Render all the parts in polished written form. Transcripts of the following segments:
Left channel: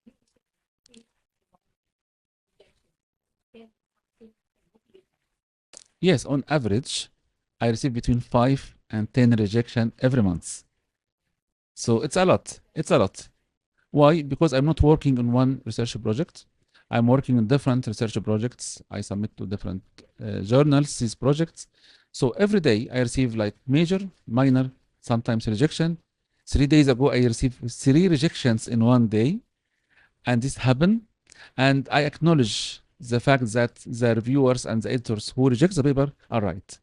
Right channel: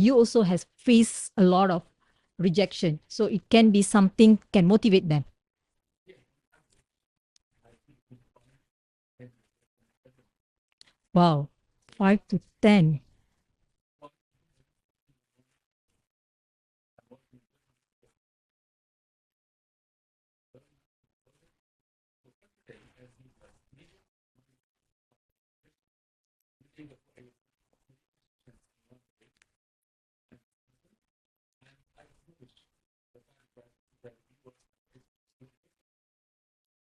you also has faced a lot of rejection. So it can be something can motivate them. Yes, on average, I receive between 5 and 10 rejection every month. Wow. So it's 5 a to lot. 10. It's a lot. Why? Because I'm not working on one research project. I'm working on different research projects. I submit to different journals these projects. So every day I receive like major, minor, sometimes rejection. 3 days ago I received 3 rejections in one day, and this happened. And I acknowledge the fact that the reviewers and the editors who reject the paper are right.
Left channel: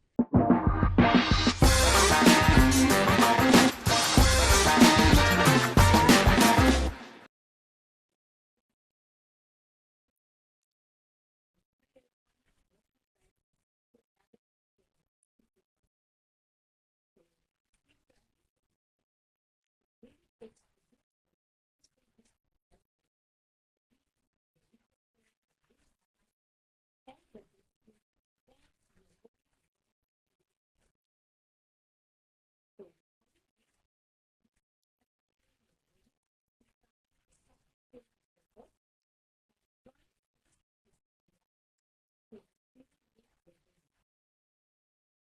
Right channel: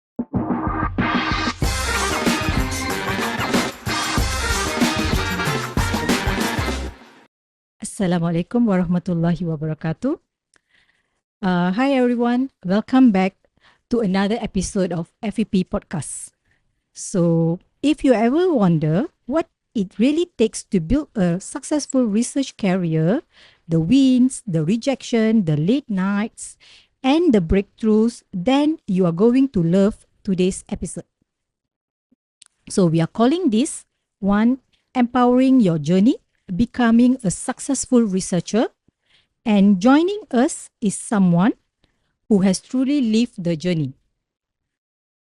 Assalamualaikum warahmatullahi wabarakatuh. Hi everyone, welcome back to another episode of FEP Podcast. So, if you ever wonder what it really takes to build a successful research career, the wins, the rejection, the late nights, and the breakthroughs, then you are going to love today's episode. So, we are calling this one Empowering Your Journey, Becoming a Successful Researcher. And joining us is someone who has truly lived the journey.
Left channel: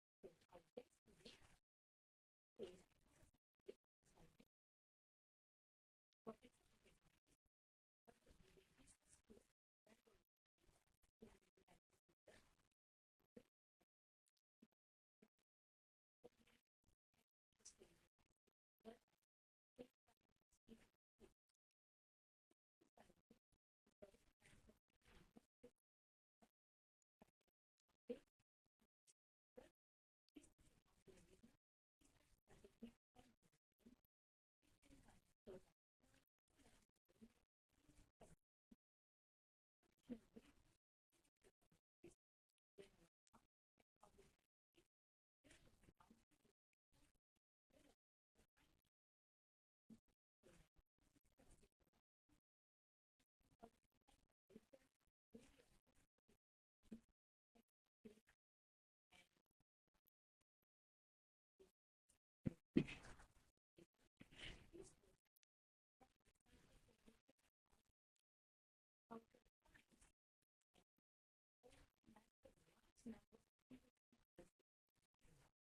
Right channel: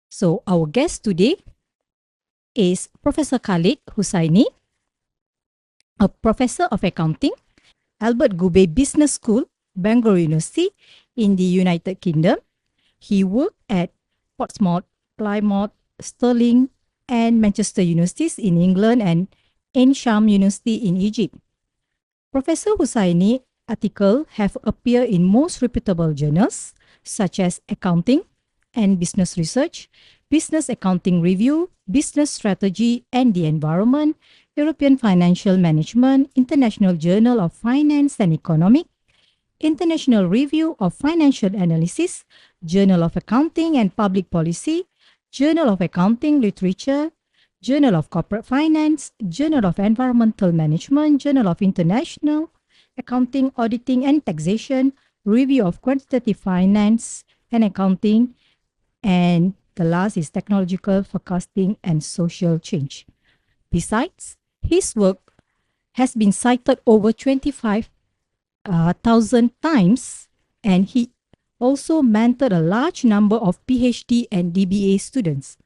So, our guest today is Professor Khaled Hussainey, a professor of accounting, Albert Gubey Business School, Bangor University in the United Kingdom. He worked at Portsmouth, Plymouth, Stirling, and Manchester Universities in England and Ain Sham University in Egypt. Professor Hussainey articles have appeared in most reputable journals such as Accounting and Business Research, Business Accounting Review, Business Strategy and the Environment, European Financial Management, International Journal of Finance and Economics, International Review of Financial Analysis, Journal of Accounting and Public Policy, Journal of Accounting Literature, Journal of Corporate Finance, Journal of Environmental Management, Journal of International Accounting, Auditing and Taxation, Review of Quantitative Finance and Accounting, and the last is Technological Forecasting and Social Change. Besides, his work has been cited over 25,000 times, and he also mentored a large number of PhD and DBA students.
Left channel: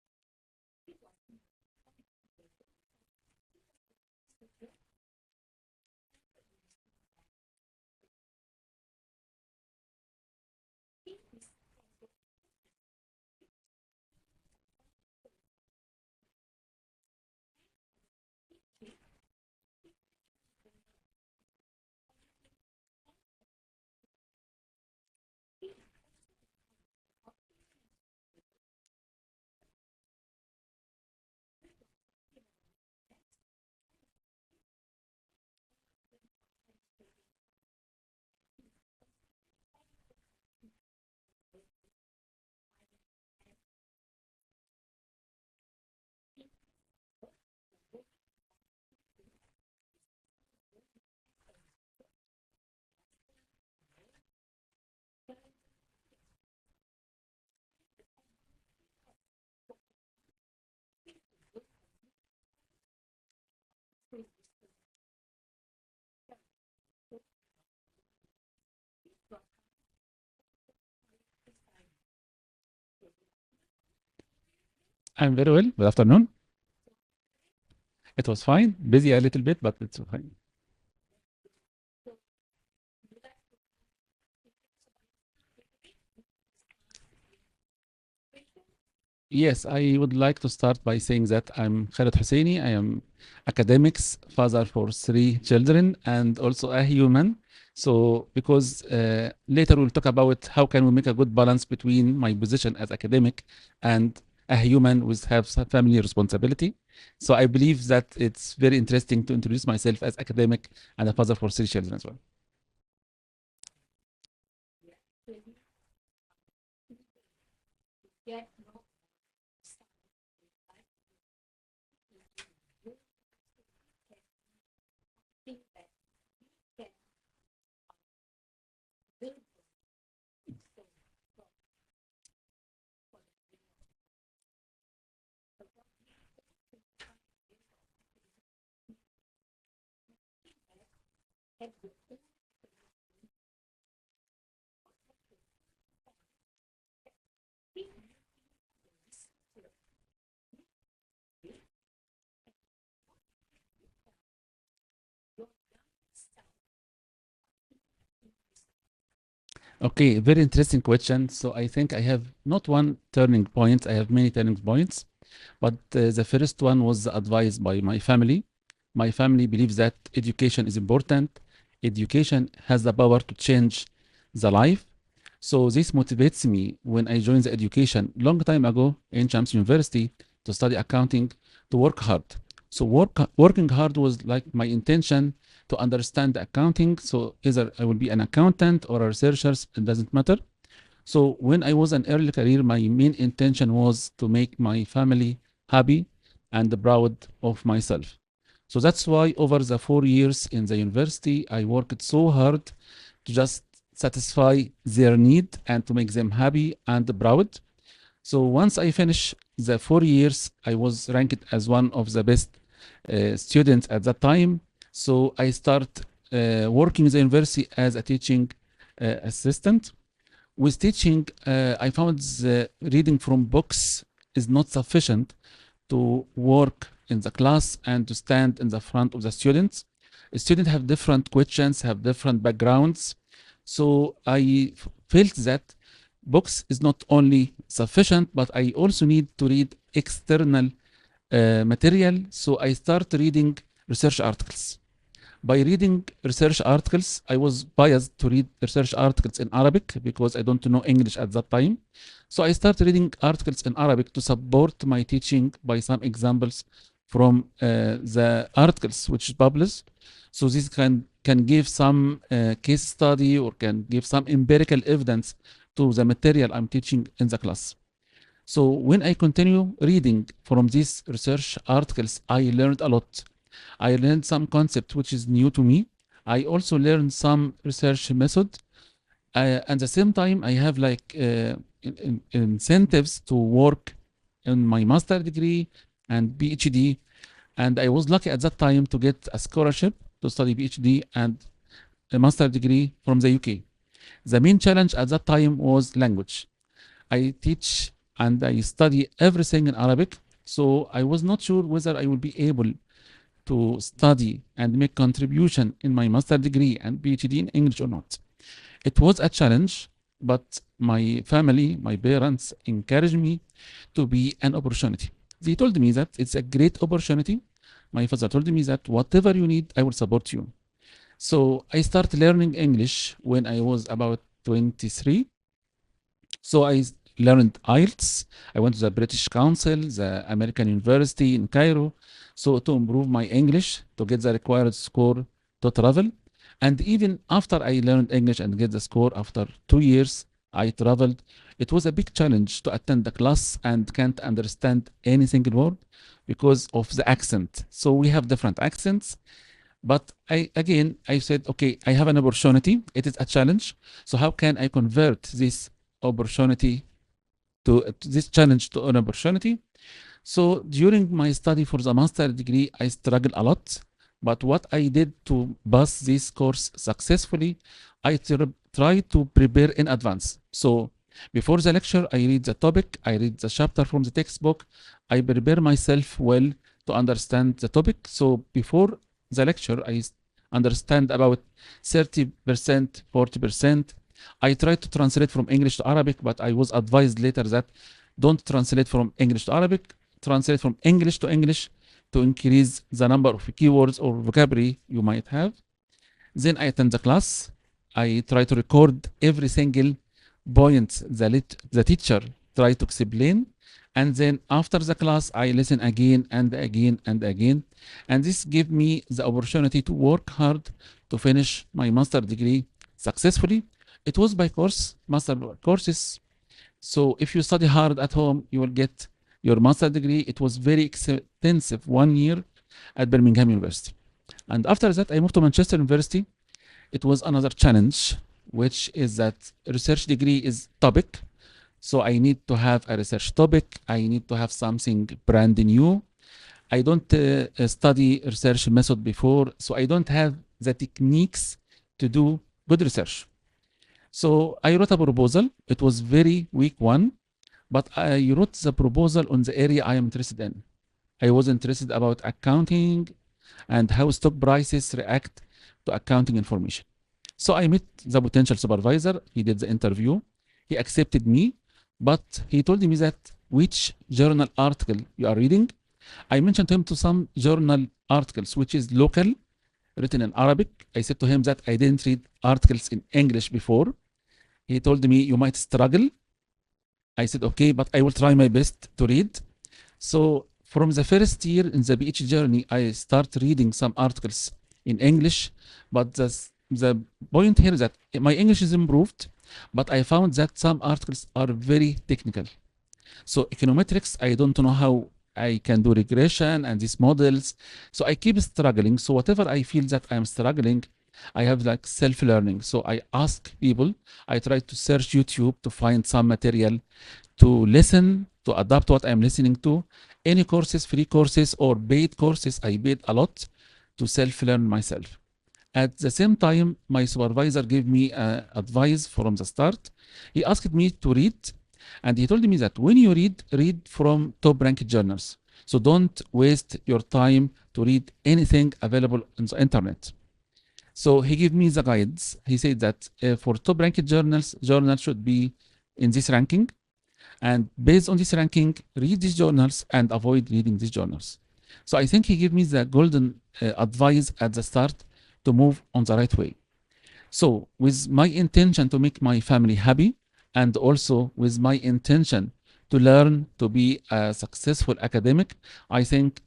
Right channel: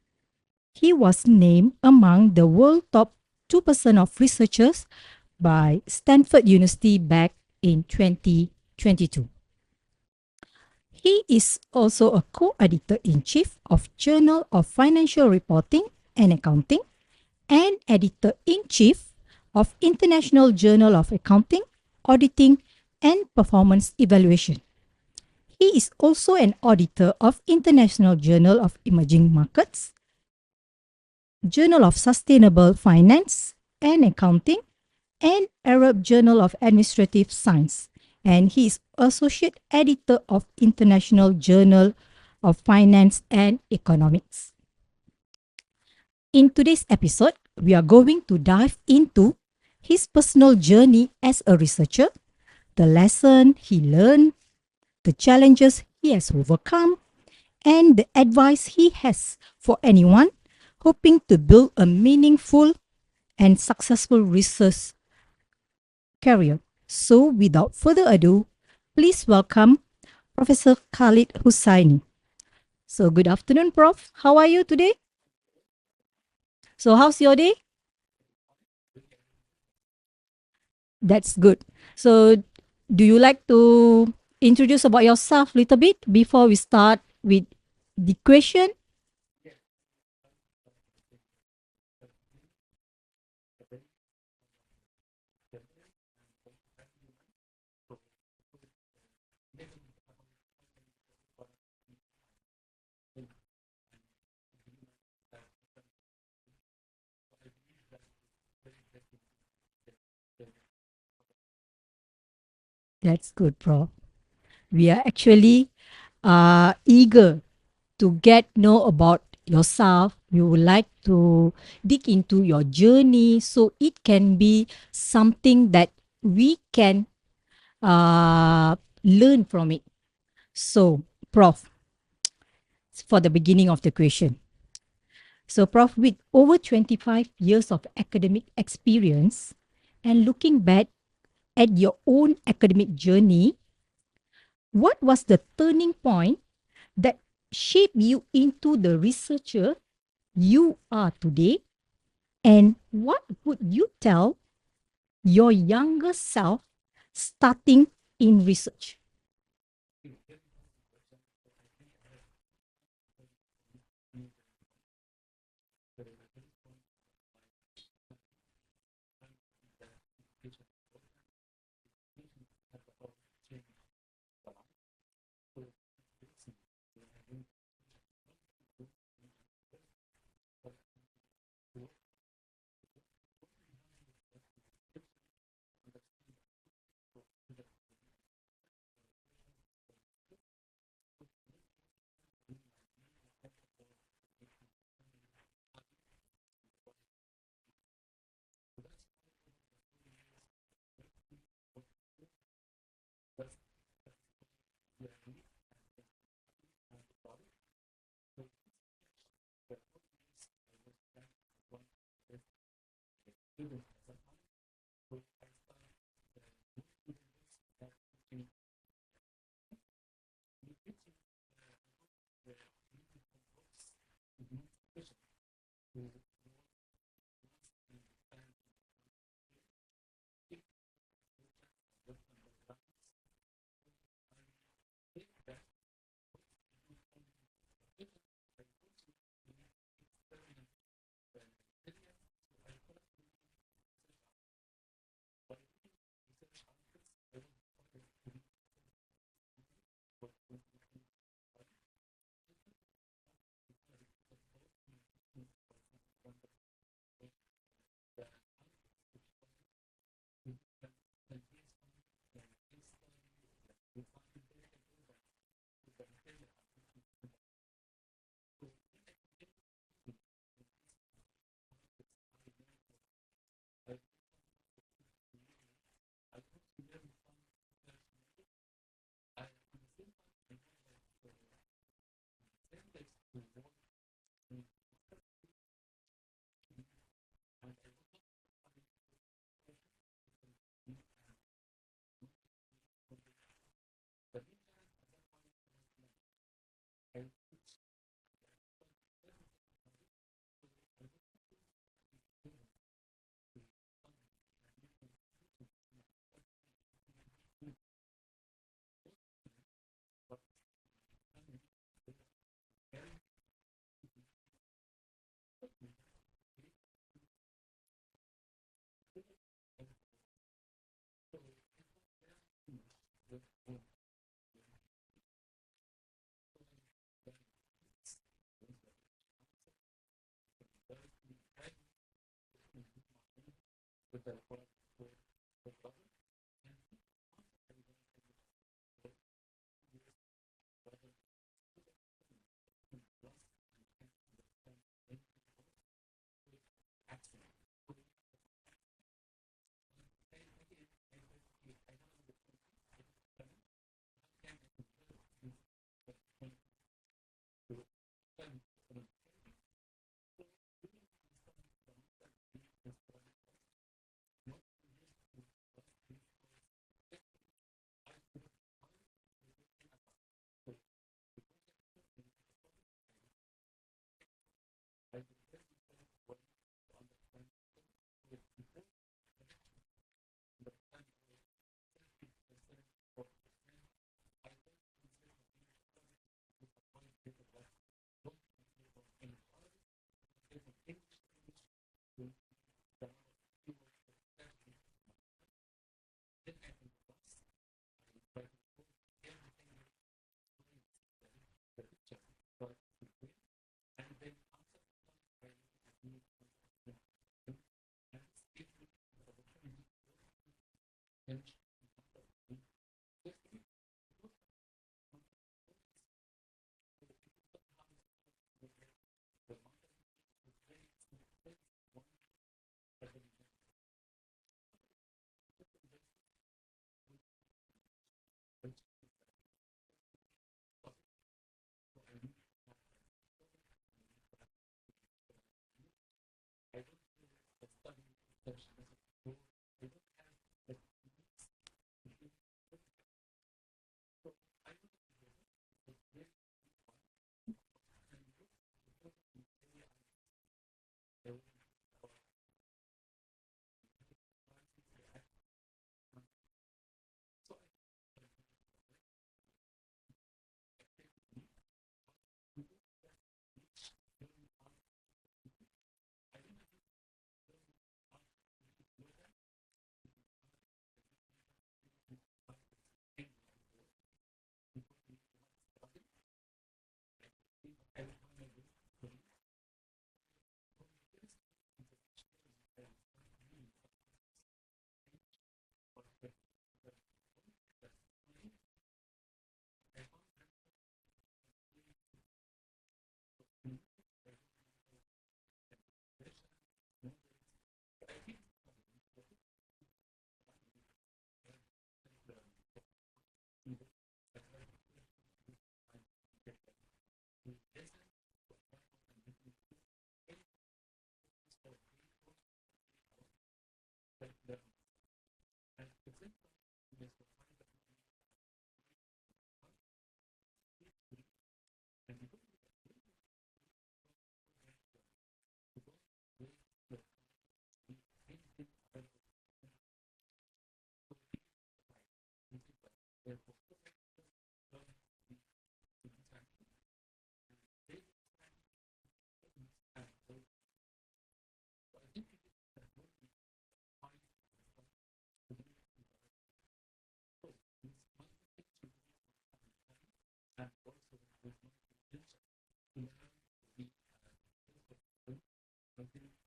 He was named among the world top 2% of researchers by Stanford University back in 2022. He is also a co-editor-in-chief of Journal of Financial Reporting and Accounting and editor-in-chief of International Journal of Accounting, Auditing and Performance Evaluation. He is also an auditor of International Journal of Emerging Markets, Journal of Sustainable Finance and Accounting, and Arab Journal of Administrative Science. And he is associate editor of International Journal of Finance and Economics. In today's episode, we are going to dive into his personal journey as a researcher, the lesson he learned, the challenges he has overcome, and the advice he has for anyone hoping to build a meaningful and successful research career. So, without further ado, please welcome Professor Khaled Hussainey. So, good afternoon, Prof. How are you today? I'm very well. Good afternoon. So, how's your day? It was fine. Busy a little bit, but it's fine. That's good. So, do you like to introduce about yourself a little bit before we start with the question? Yes, I would like to start by saying that I'm Khaled Hussainey. I am academics, father for 3 children, and also a human. So, because later we'll talk about how can we make a good balance between my position as academic and a human with have family responsibility. So I believe that it's very interesting to introduce myself as academic and a father for 3 children as well. That's good, Prof. We are actually eager to get know about yourself. We would like to dig into your journey so it can be something that we can learn from it. So, Prof, for the beginning of the question. So, Prof, with over 25 years of academic experience and looking back at your own academic journey, what was the turning point that shaped you into the researcher you are today? And what would you tell your younger self starting in research? Okay, very interesting question. So I think I have not one turning point, I have many turning points. But the first one was advised by my family. My family believes that education is important. Education has the power to change the life. So this motivates me when I joined the education long time ago in Shams University to study accounting, to work hard. So working hard was like my intention to understand accounting. So either I will be an accountant or a researcher, it doesn't matter. So when I was an early career, my main intention was to make my family happy and proud of myself. So that's why over the 4 years in the university, I worked so hard to just satisfy their need and to make them happy and proud. So once I finished the 4 years, I was ranked as one of the best students at that time. So I start working in the university as a teaching assistant. With teaching, I found the reading from books is not sufficient to work in the class and to stand in the front of the students. Students have different questions, have different backgrounds. So I felt that books is not only sufficient, but I also need to read external material. So I start reading research articles. By reading research articles, I was biased to read research articles in Arabic because I don't know English at that time. So I started reading articles in Arabic to support my teaching by some examples from the articles which is published. So this can give some case study or can give some empirical evidence to the material I'm teaching in the class. So when I continue reading from these research articles, I learned a lot. I learned some concept which is new to me. I also learned some research method. At the same time, I have like incentives to work in my master degree and PhD. And I was lucky at that time to get a scholarship to study PhD and a master degree from the UK. The main challenge at that time was language. I teach and I study everything in Arabic. So I was not sure whether I would be able to study and make contribution in my master degree and PhD in English or not. It was a challenge, but my family, my parents encouraged me to be an opportunity. They told me that it's a great opportunity. My father told me that whatever you need, I will support you. So I started learning English when I was about 23. So I learned IELTS. I went to the British Council, the American University in Cairo. So to improve my English, to get the required score to travel. And even after I learned English and get the score after 2 years, I traveled. It was a big challenge to attend the class and can't understand any single word because of the accent. So we have different accents. But I said, okay, I have an opportunity. It is a challenge. So how can I convert this opportunity to this challenge to an opportunity? So during my study for the master degree, I struggled a lot. But what I did to pass this course successfully, I try to prepare in advance. So before the lecture, I read the topic, I read the chapter from the textbook, I prepare myself well to understand the topic. So before the lecture, I understand about 30%, 40%. I tried to translate from English to Arabic, but I was advised later that don't translate from English to Arabic, translate from English to increase the number of keywords or vocabulary you might have. Then I attend the class. I try to record every single point the teacher tried to explain. And then after the class, I listen again and again and again. And this gave me the opportunity to work hard to finish my master degree successfully. It was by course, master courses. So if you study hard at home, you will get your master degree. It was very extensive, 1 year at Birmingham University. And after that, I moved to Manchester University. It was another challenge, which is that research degree is topic. So I need to have a research topic. I need to have something brand new. I don't study research method before, so I don't have the techniques to do good research. So I wrote a proposal. It was very weak one, but I wrote the proposal on the area I am interested in. I was interested about accounting and how stock prices react to accounting information. So I met the potential supervisor. He did the interview. He accepted me, but he told me that which journal article you are reading. I mentioned to him to some journal articles, which is local, written in Arabic. I said to him that I didn't read articles in English before. He told me, you might struggle. I said, okay, but I will try my best to read. So from the first year in the PhD journey, I start reading some articles in English, but the point here is that my English is improved, but I found that some articles are very technical. So econometrics, I don't know how I can do regression and these models. So I keep struggling. So whatever I feel that I'm struggling, I have like self-learning. So I ask people, I try to search YouTube to find some material to listen, to adapt what I'm listening to. Any courses, free courses or paid courses, I paid a lot to self-learn myself. At the same time, my supervisor gave me advice from the start. He asked me to read, and he told me that when you read from top-ranked journals. So don't waste your time to read anything available on the internet. So he gave me the guides. He said that for top-ranked journals should be in this ranking. And based on this ranking, read these journals and avoid reading these journals. So I think he gave me the golden advice at the start to move on the right way. So with my intention to make my family happy, and also with my intention to learn to be a successful academic, I think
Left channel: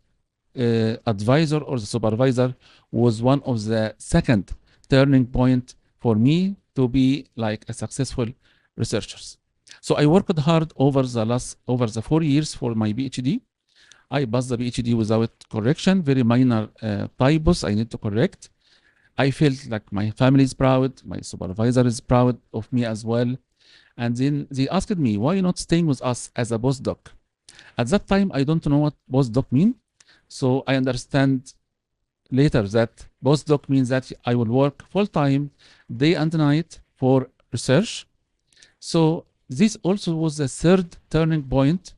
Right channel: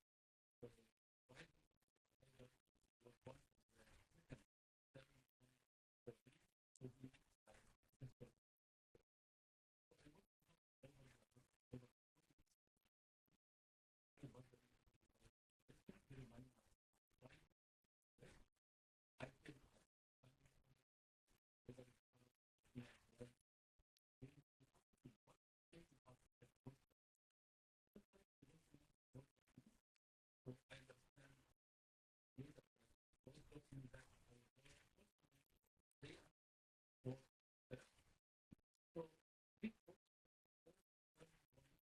advisor or the supervisor was one of the second turning point for me to be like a successful researchers. So I worked hard over the 4 years for my PhD. I passed the PhD without correction, very minor typos I need to correct. I felt like my family is proud, my supervisor is proud of me as well. And then they asked me, why not staying with us as a postdoc? At that time, I don't know what postdoc mean. So I understand later that postdoc means that I will work full-time, day and night for research. So this also was the third turning point,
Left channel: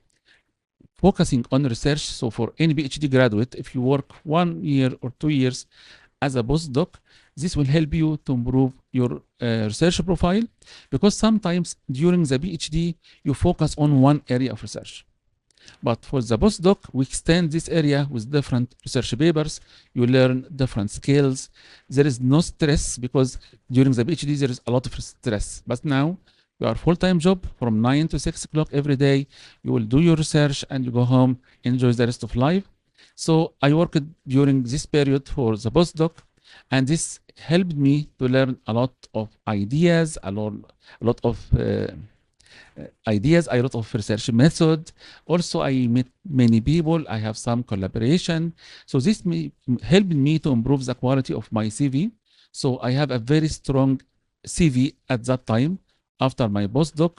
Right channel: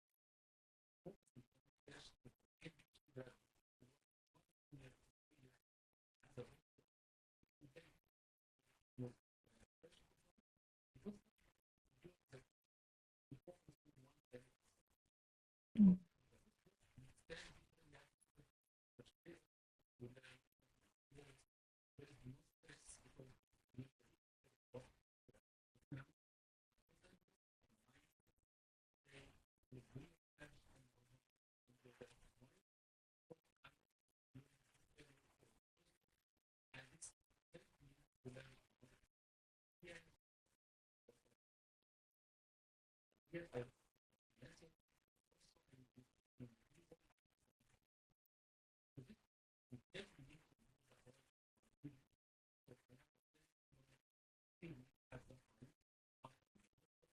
focusing on research. So for any PhD graduate, if you work 1 year or 2 years as a postdoc, this will help you to improve your research profile, because sometimes during the PhD, you focus on one area of research. But for the postdoc, we extend this area with different research papers. You learn different skills. There is no stress, because during the PhD, there is a lot of stress. But now, you are full-time job from 9 to 6 o'clock every day. You will do your research and you go home, enjoy the rest of life. So I worked during this period for the postdoc, and this helped me to learn a lot of ideas, a lot of research method. Also, I met many people. I have some collaboration. So this helped me to improve the quality of my CV. So I have a very strong CV at that time after my postdoc.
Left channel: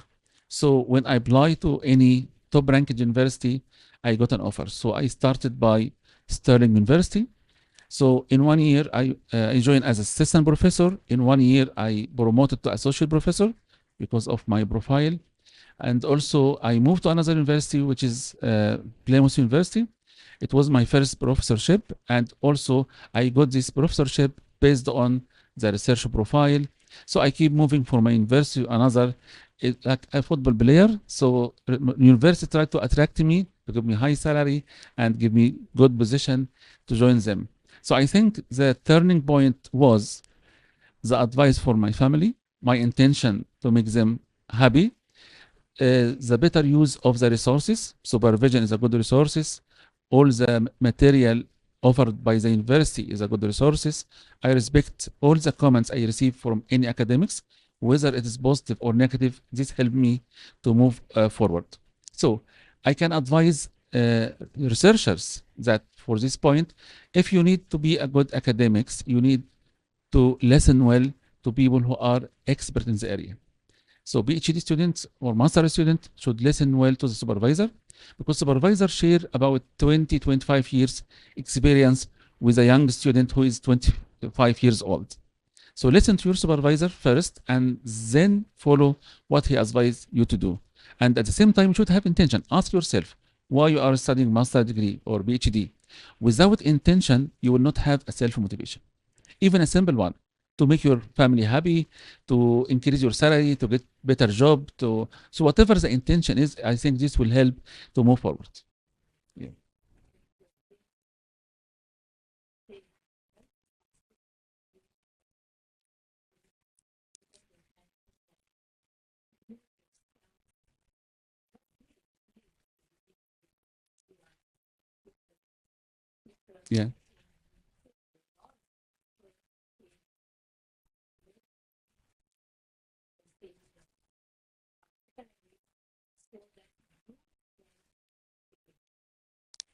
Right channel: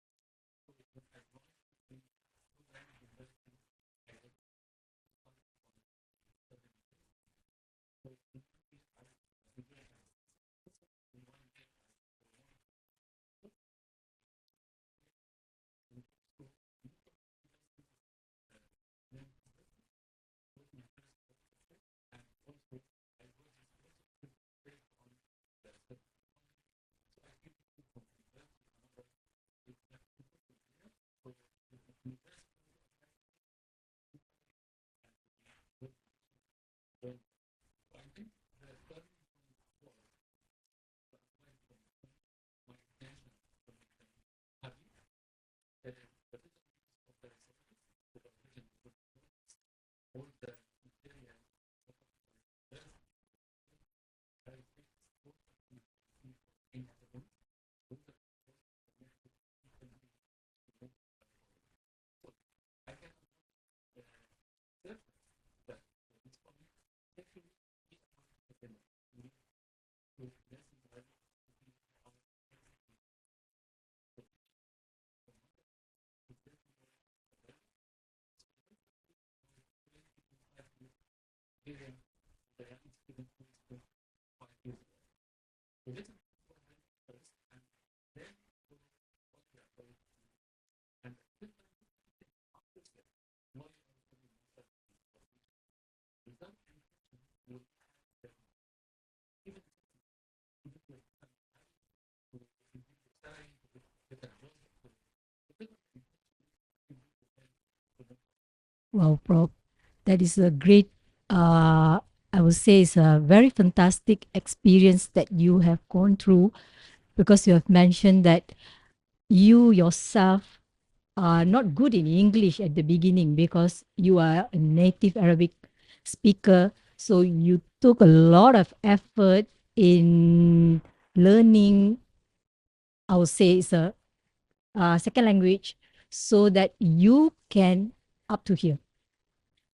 So when I apply to any top-ranked university, I got an offer. So I started by Sterling University. So in 1 year, I joined as assistant professor. In 1 year, I promoted to associate professor because of my profile. And also, I moved to another university, which is Plymouth University. It was my first professorship. And also, I got this professorship based on the research profile. So I keep moving from my university to another. It's like a football player. So university tried to attract me, to give me high salary and give me good position to join them. So I think the turning point was the advice for my family, my intention to make them happy, the better use of the resources. Supervision is a good resources. All the material offered by the university is a good resources. I respect all the comments I receive from any academics, whether it is positive or negative. This helped me to move forward. So I can advise researchers that for this point, if you need to be a good academics, you need to listen well to people who are expert in the area. So PhD students or master students should listen well to the supervisor, because supervisor share about 20, 25 years experience with a young student who is 20 5 years old. So listen to your supervisor first and then follow what he advised you to do. And at the same time, you should have intention. Ask yourself why you are studying master degree or PhD. Without intention, you will not have a self-motivation. Even a simple one, to make your family happy, to increase your salary, to get better job, so whatever the intention is, I think this will help to move forward. Wow, Prof. That is a great, I would say, it's a very fantastic experience that you have gone through, because you have mentioned that you yourself are not good in English at the beginning because you are a native Arabic speaker. Yeah, So you took a lot of effort in learning, I would say, it's a second language, so that you can up to here.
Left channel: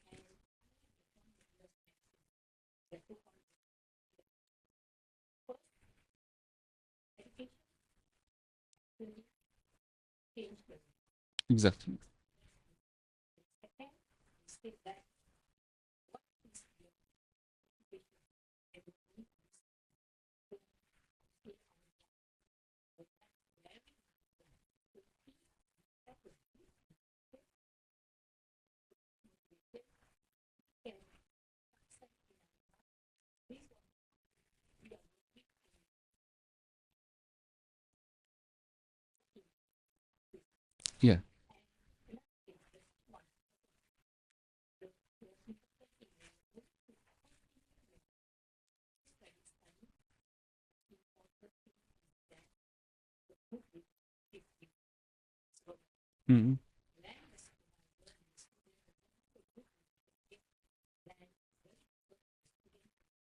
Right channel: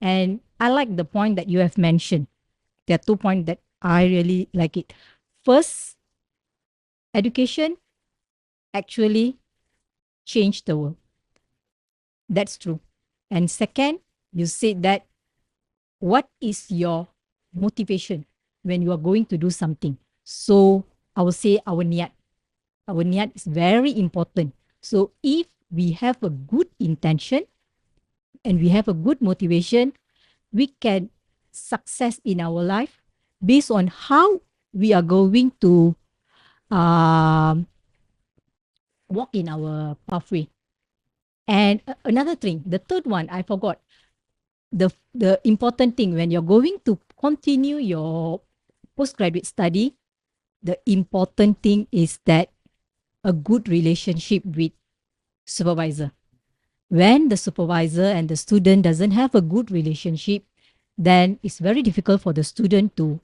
And I like the point that you have mentioned. There are 2 points that I really like it. First, education actually changed the world. exactly. That's true. And second, you said that what is your motivation when you are going to do something? So I would say our niyat. Our niyat is very important. So if we have a good intention and we have a good motivation, we can success in our life based on how we are going to um, walk in our pathway. Yeah, And another thing, the third one, I forgot. The important thing when you're going to continue your postgraduate study, the important thing is that a good relationship with supervisor. Mhm. When the supervisor and the student doesn't have a good relationship, then it's very difficult for the student to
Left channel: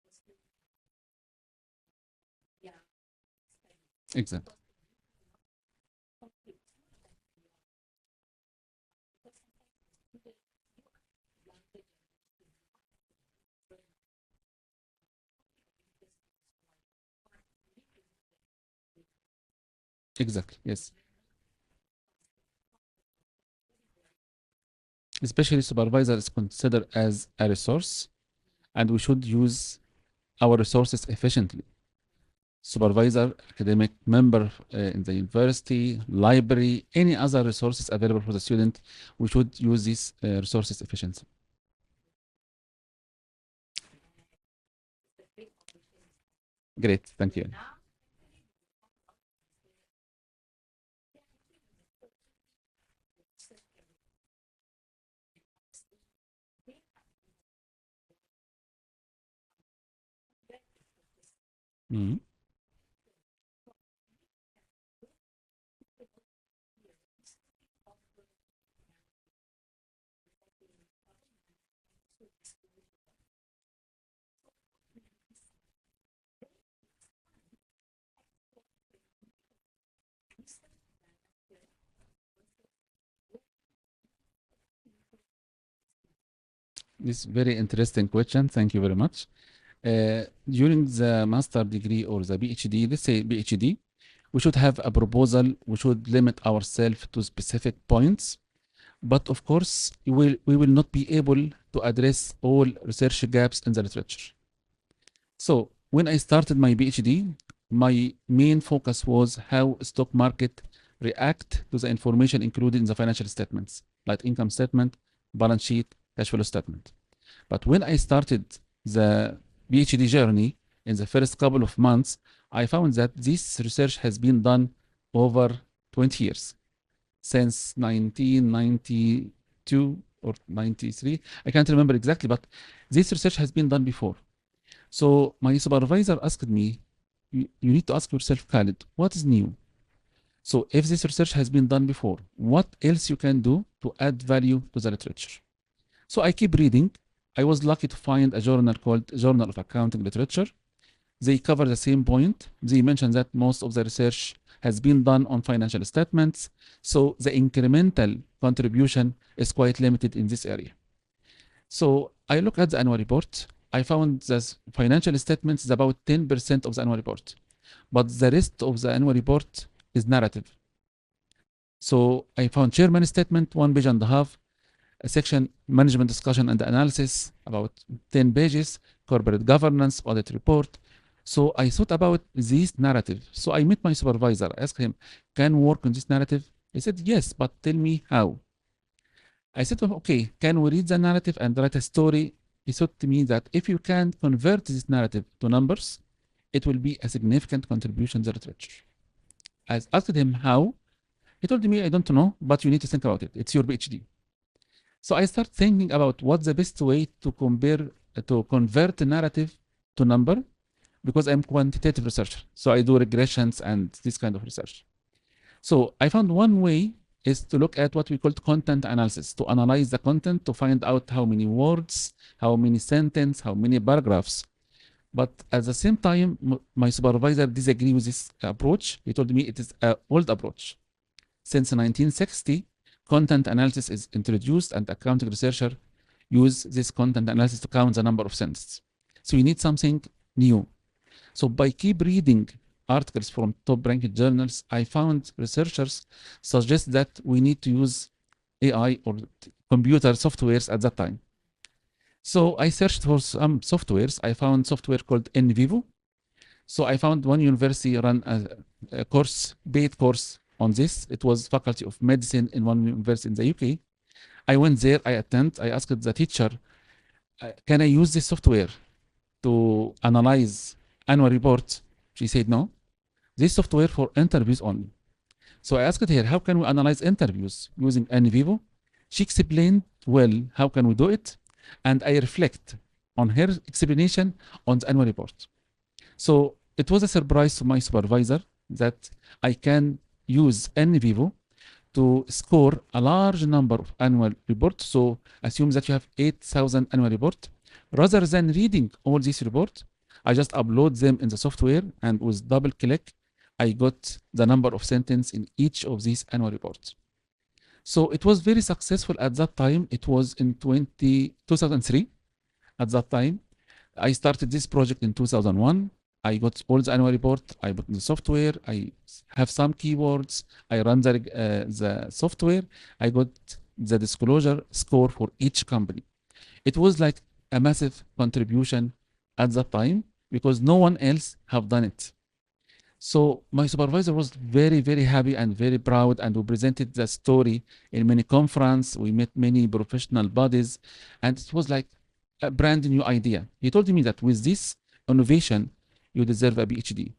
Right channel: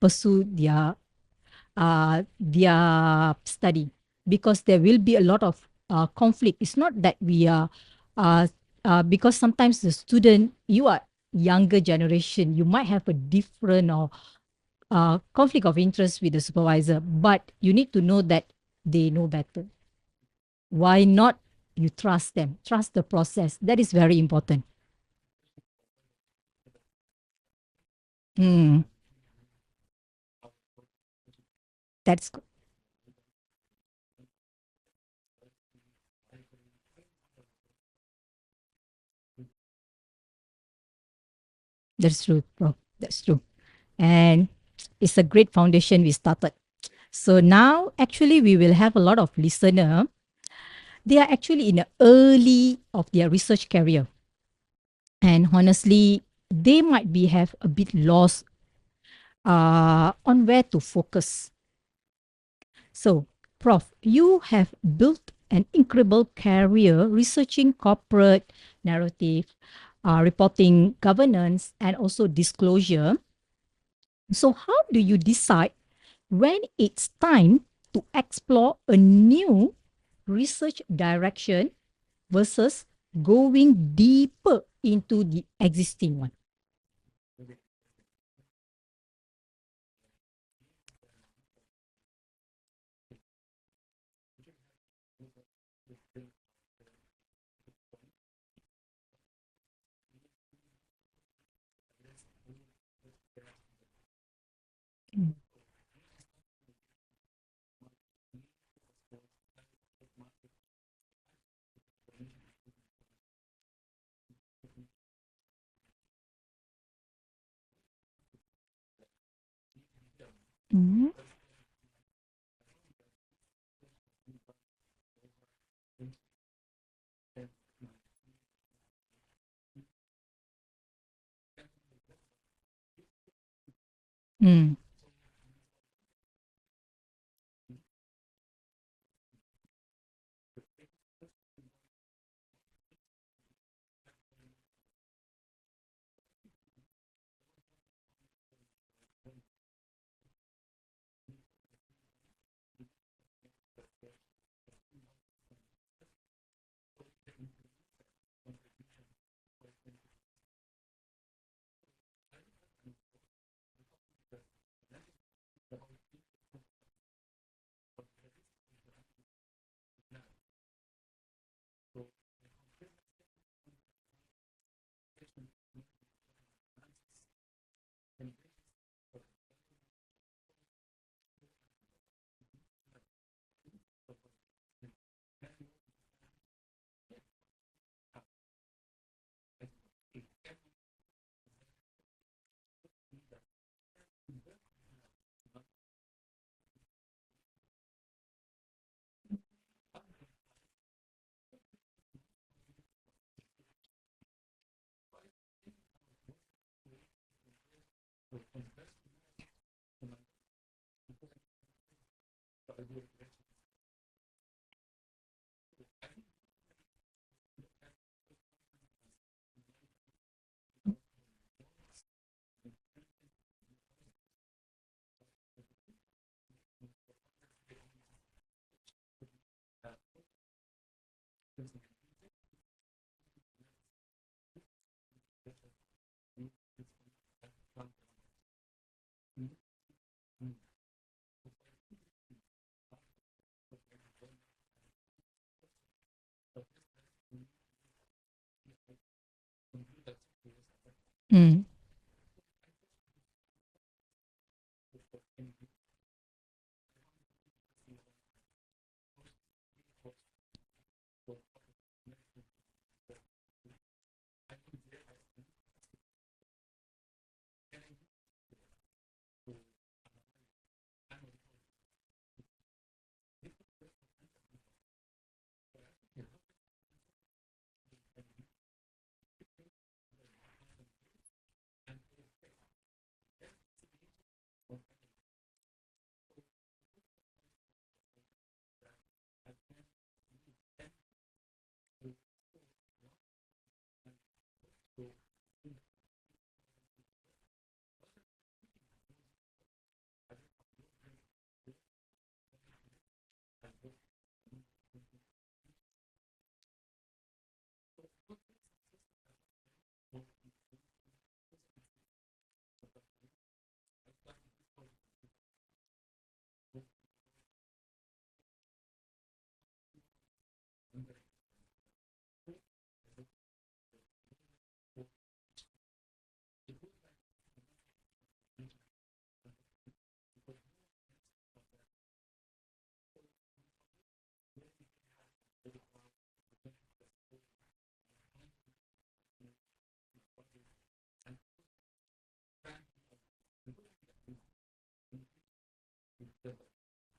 pursue their study, Exactly. because there will be a lot of conflict. It's not that we are uh, because sometimes the student, you are younger generation, you might have a different or conflict of interest with the supervisor, but you need to know that they know better. Exactly. Yes. Why not you trust them, trust the process? That is very important. Especially supervisor is considered as a resource, Mm, and we should use our resources efficiently. that's good. Supervisor, academic member in the university, library, any other resources available for the student, we should use these resources efficiently. That's true, Prof. That's true. And it's a great foundation we started. Great. Thank So you. now actually we will have a lot of listener. They are actually in the early of their research career. And honestly, they might be have a bit lost on where to focus. Mhm. So, Prof, you have built an incredible career researching corporate narrative, reporting, governance, and also disclosure. So, how do you decide when it's time to explore a new research direction versus going deeper into the existing one? This is very interesting question. Thank you very much. During the master degree or the PhD, let's say PhD, we should have a proposal. We should limit ourselves to specific points. But of course, we will not be able to address all research gaps in the literature. Mm. So when I started my PhD, my main focus was how stock market react to the information included in the financial statements, like income statement, balance sheet, cash flow statement. But when I started the PhD journey in the Mhm. first couple of months, I found that this research has been done over 20 years, since 1992 or 93. I can't remember exactly, but this research has been done before. Mm. So my supervisor asked me, you need to ask yourself, Khaled, what is new? So if this research has been done before, what else you can do to add value to the literature? So I keep reading. I was lucky to find a journal called Journal of Accounting Literature. They cover the same point. They mention that most of the research has been done on financial statements, so the incremental contribution is quite limited in this area. So I look at the annual report. I found that financial statements is about 10% of the annual report, but the rest of the annual report is narrative. So I found chairman statement, 1 page and a half, a section management discussion and analysis, about 10 pages, corporate governance, audit report. So I thought about this narrative. So I met my supervisor, asked him, can we work on this narrative? He said, yes, but tell me how. I said to him, okay, can we read the narrative and write a story? He said to me that if you can convert this narrative to numbers, it will be a significant contribution to the literature. I asked him how. He told me, I don't know, but you need to think about it. It's your PhD. So I started thinking about what's the best way to convert the narrative to number, because I'm quantitative researcher. So I do regressions and this kind of research. So I found one way is to look at what we call content analysis, to analyze the content to find out how many words, how many sentences, how many paragraphs. But at the same time, my supervisor disagreed with this approach. He told me it is an old approach. Since 1960, content analysis is introduced, and accounting researchers use this content analysis to count the number of sentences. So you need something new. So by keep reading articles from top-ranked journals, I found researchers suggest that we need to use AI or computer softwares at that time. So I searched for some softwares. I found software called NVivo. So I found one university run a course, paid course on this. It was Faculty of Medicine in one university in the UK. I went there, I asked the teacher, can I use this software to analyze annual reports? She said, no, this software for interviews only. So I asked her, how can we analyze interviews using NVivo? She explained well, how can we do it? And I reflect on her explanation on the annual report. So it was a surprise to my supervisor that I can use NVivo to score a large number of annual reports. So assume that you have 8,000 annual reports. Rather than reading all these reports, I just upload them in the software, and with double click, I got the number of sentences in each of these annual reports. So it was very successful at that time. It was in 2003. At that time, I started this project in 2001. I got all the annual report. I put in the software. I have some keywords. I run the software. I got the disclosure score for each company. It was like a massive contribution at that time because no one else have done it. So my supervisor was very, very happy and very proud, and we presented the story in many conferences. We met many professional bodies, and it was like a brand new idea. He told me that with this innovation, you deserve a PhD.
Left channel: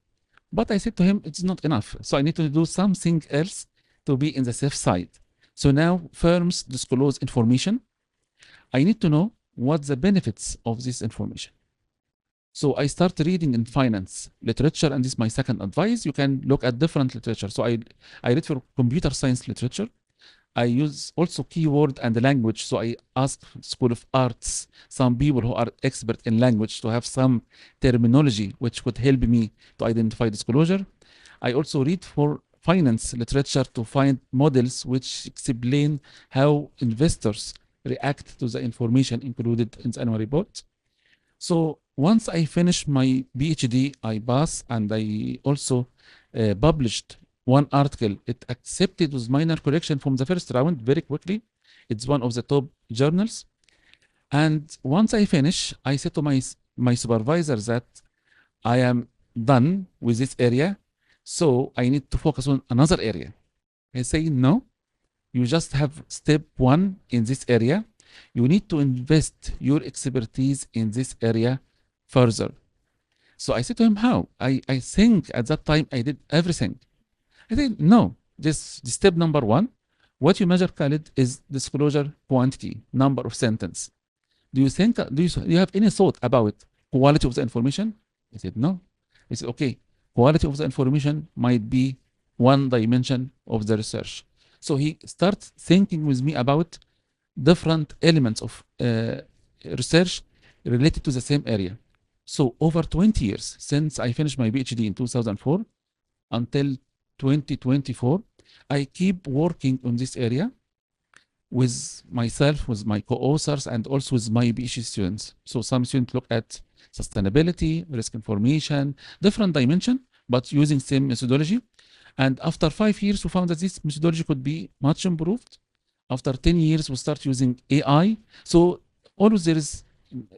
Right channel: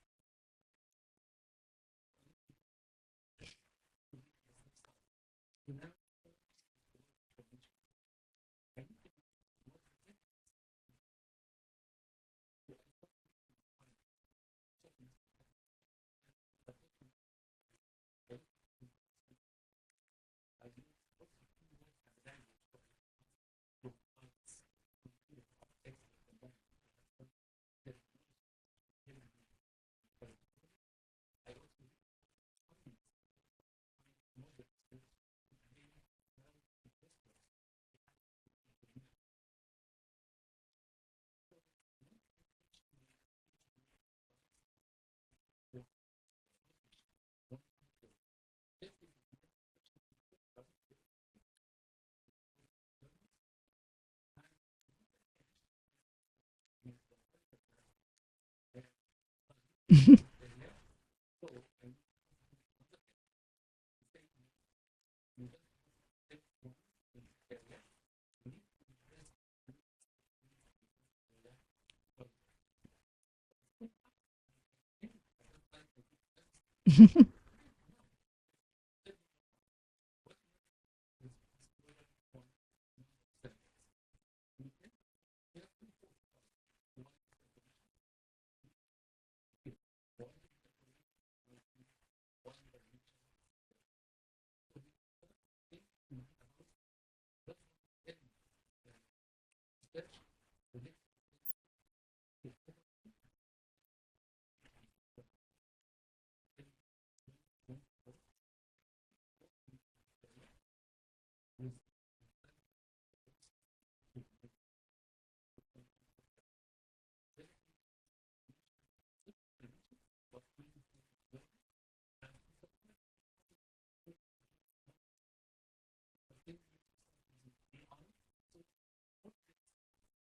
But I said to him, it's not enough. So I need to do something else to be in the safe side. So now firms disclose information. I need to know what the benefits of this information. So I start reading in finance literature, and this is my second advice. You can look at different literature. So I read for computer science literature. I use also keyword and language. So I ask School of Arts, some people who are expert in language, to have some terminology which could help me to identify disclosure. I also read for finance literature to find models which explain how investors react to the information included in the annual report. So once I finished my PhD, I passed, and I also published one article. It accepted with minor correction from the first round very quickly. It's one of the top journals. And once I finish, I said to my supervisor that I am done with this area, so I need to focus on another area. I say, no, you just have step one in this area. You need to invest your expertise in this area further. So I said to him, how? I think at that time I did everything. I said, no, this step number one, what you measure, Khaled, is disclosure quantity, number of sentence. Do you have any thought about quality of the information? I said, no. He said, okay, quality of the information might be one dimension of the research. So he starts thinking with me about different elements of research related to the same area. So over 20 years, since I finished my PhD in 2004 until 2024, I keep working on this area with myself, with my co-authors, and also with my PhD students. So some students look at sustainability, risk information, different dimension, but using same methodology. And after 5 years, we found that this methodology could be much improved. After 10 years, we start using AI. So always there is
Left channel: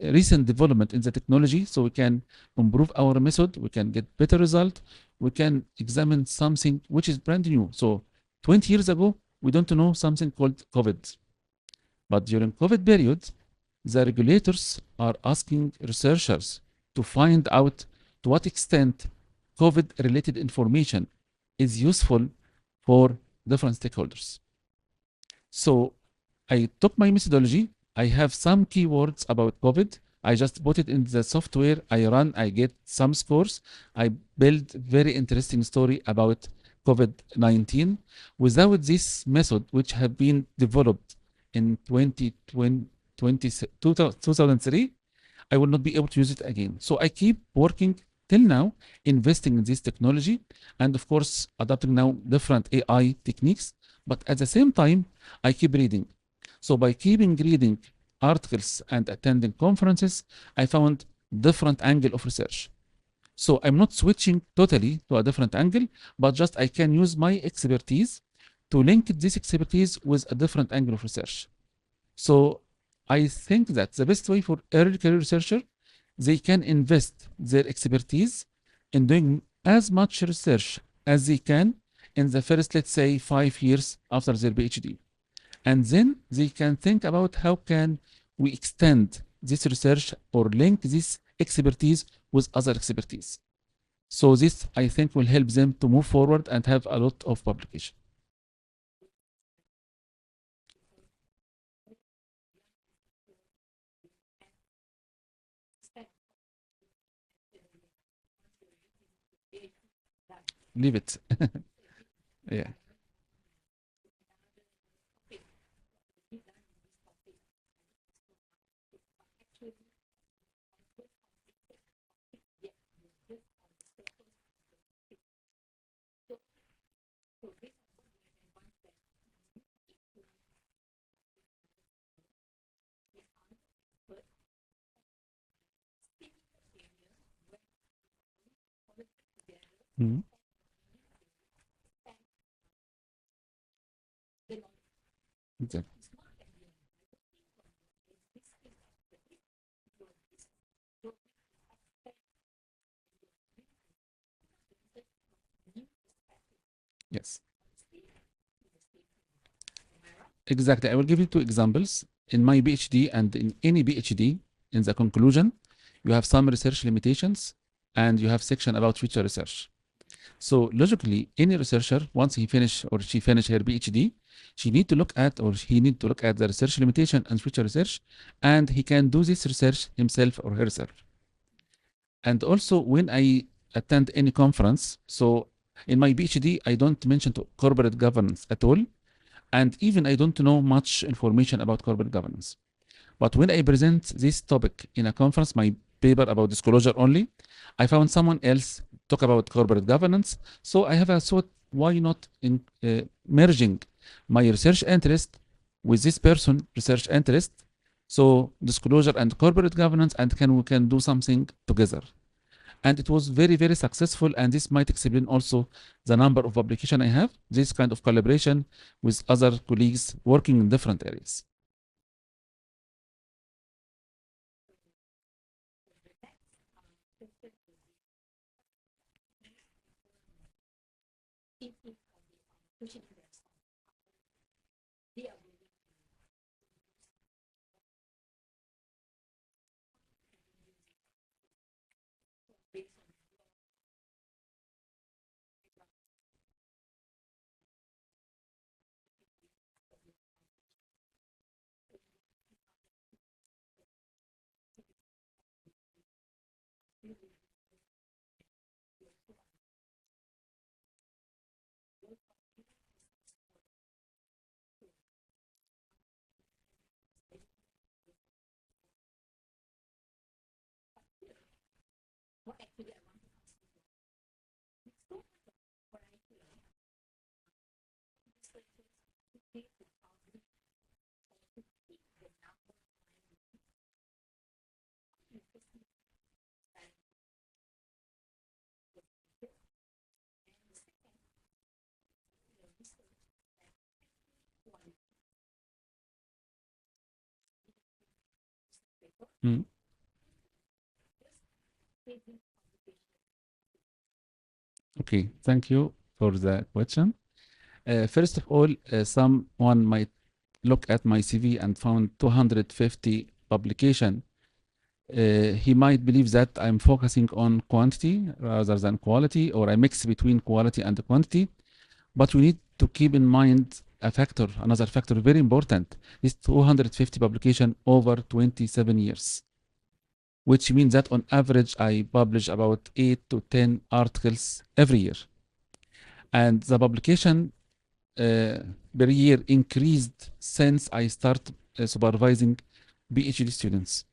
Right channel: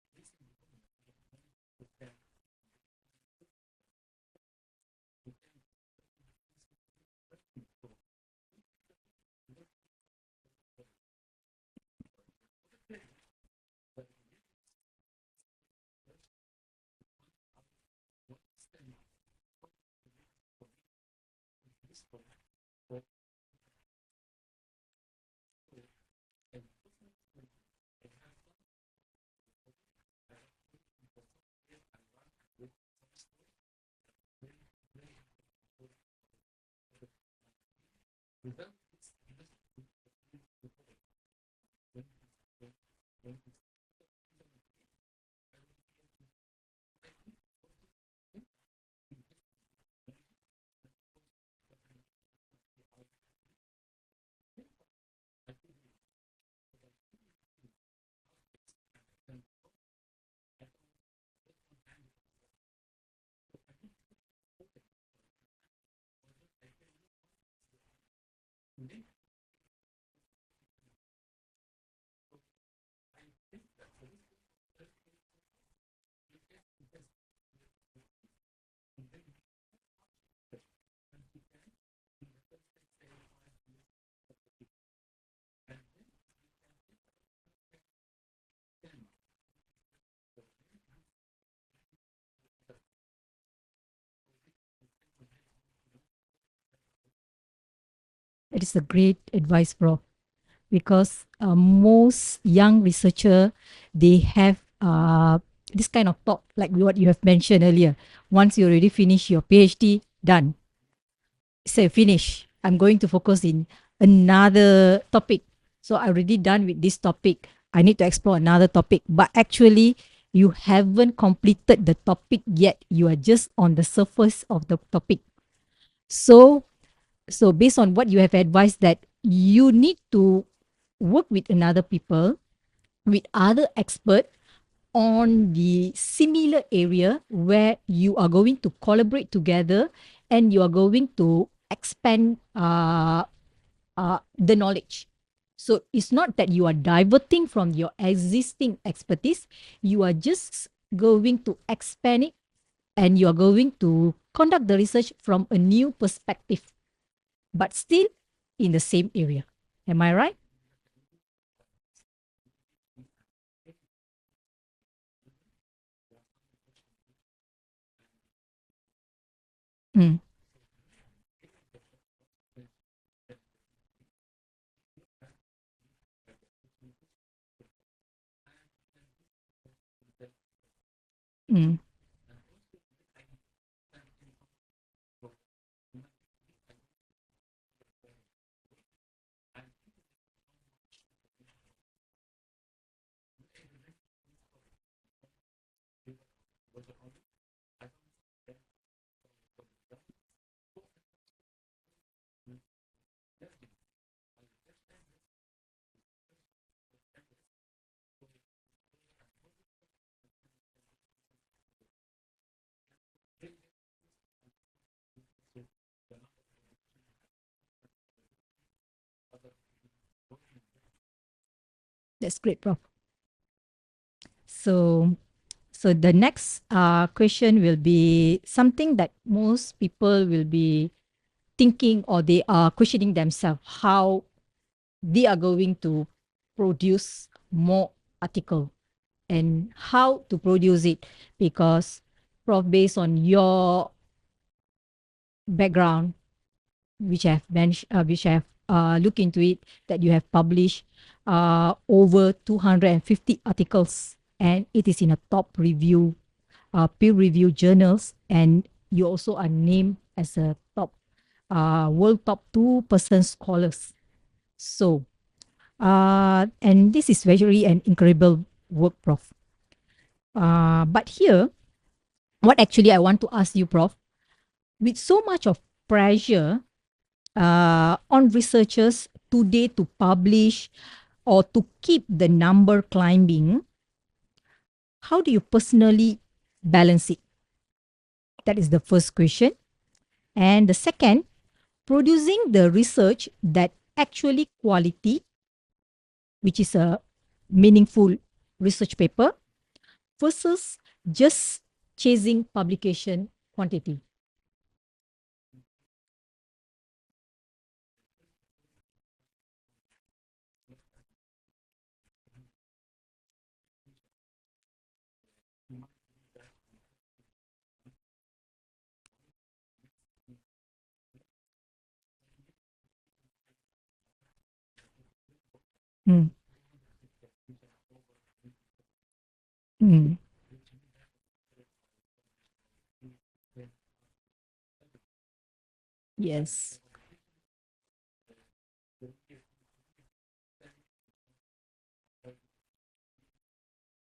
recent development in the technology, so we can improve our method, we can get better result, we can examine something which is brand new. So 20 years ago, we don't know something called COVID. But during COVID period, the regulators are asking researchers to find out to what extent COVID-related information is useful for different stakeholders. So I took my methodology. I have some keywords about COVID. I just put it in the software. I run, I get some scores. I build very interesting story about COVID-19. Without this method, which have been developed in 2003, I will not be able to use it again. So I keep working till now, investing in this technology, and of course, adopting now different AI techniques. But at the same time, I keep reading. So by keeping reading articles and attending conferences, I found different angle of research. So I'm not switching totally to a different angle, but just I can use my expertise to link this expertise with a different angle of research. So I think that the best way for early career researcher, they can invest their expertise in doing as much research as they can in the first, let's say, 5 years after their PhD. And then they can think about how can we extend this research or link this expertise with other expertise. So this, I think, will help them to move forward and have a lot of publication. It is a great advice, Prof. Because most young researcher, they have this kind of thought, like what you have mentioned earlier. Once you already finish your PhD, done. Leave it. Say finish. Yeah. I'm going to focus in another topic. So I already done with this topic. I need to explore another topic. But actually, you haven't completed the topic yet. You are just on the surface of the topic. So based on what you have advised, that you need to work with another people, with other expert on the similar area where you are going to collaborate together and you are going to expand the knowledge. So it's not that you are diverting from your existing expertise, you are just going to expand it and you are going to conduct the research from a new perspective. Yes. But still in the same area. Am I right? Exactly. I will give you 2 examples. In my PhD and in any PhD, in the conclusion, you have some research limitations and you have section about future research. So logically, any researcher, once he finish or she finish her PhD, she need to look at or he need to look at the research limitation and future research, and he can do this research himself or herself. And also when I attend any conference, so in my PhD, I don't mention corporate governance at all. And even I don't know much information about corporate governance. But when I present this topic in a conference, my paper about disclosure only, I found someone else talk about corporate governance. So I have a thought, why not merging my research interest with this person research interest? So disclosure and corporate governance, and we can do something together. And it was very, very successful. And this might explain also the number of publications I have, this kind of collaboration with other colleagues working in different areas. That's great, Prof. So the next question will be something that most people will be thinking, or they are questioning themselves, how they are going to produce more article and how to produce it. Because, Prof, based on your background, which I have mentioned, which I have looked into it, that you have published over 250 articles, and it is in a top review, peer-reviewed journals, and you also are named as a top world top 2% scholars. So, and this is very an incredible work, Prof. But here, what actually I want to ask you, Prof, with so much of pressure on researchers today to publish or to keep the number climbing, how do you personally balance it? That is the first question. And the second, producing the research that actually quality, which is a meaningful research paper Mm. versus just chasing publication quantity? Okay, thank you for the question. First of all, someone might look at my CV and found 250 publication. He might believe that I'm focusing on quantity rather than quality, or I mix between quality and quantity. But we need to keep in mind a factor, another factor very important, is 250 publication over 27 years, which means that on average, I publish about 8 to 10 articles every year. And Yes. the publication per year increased since I started supervising PhD students.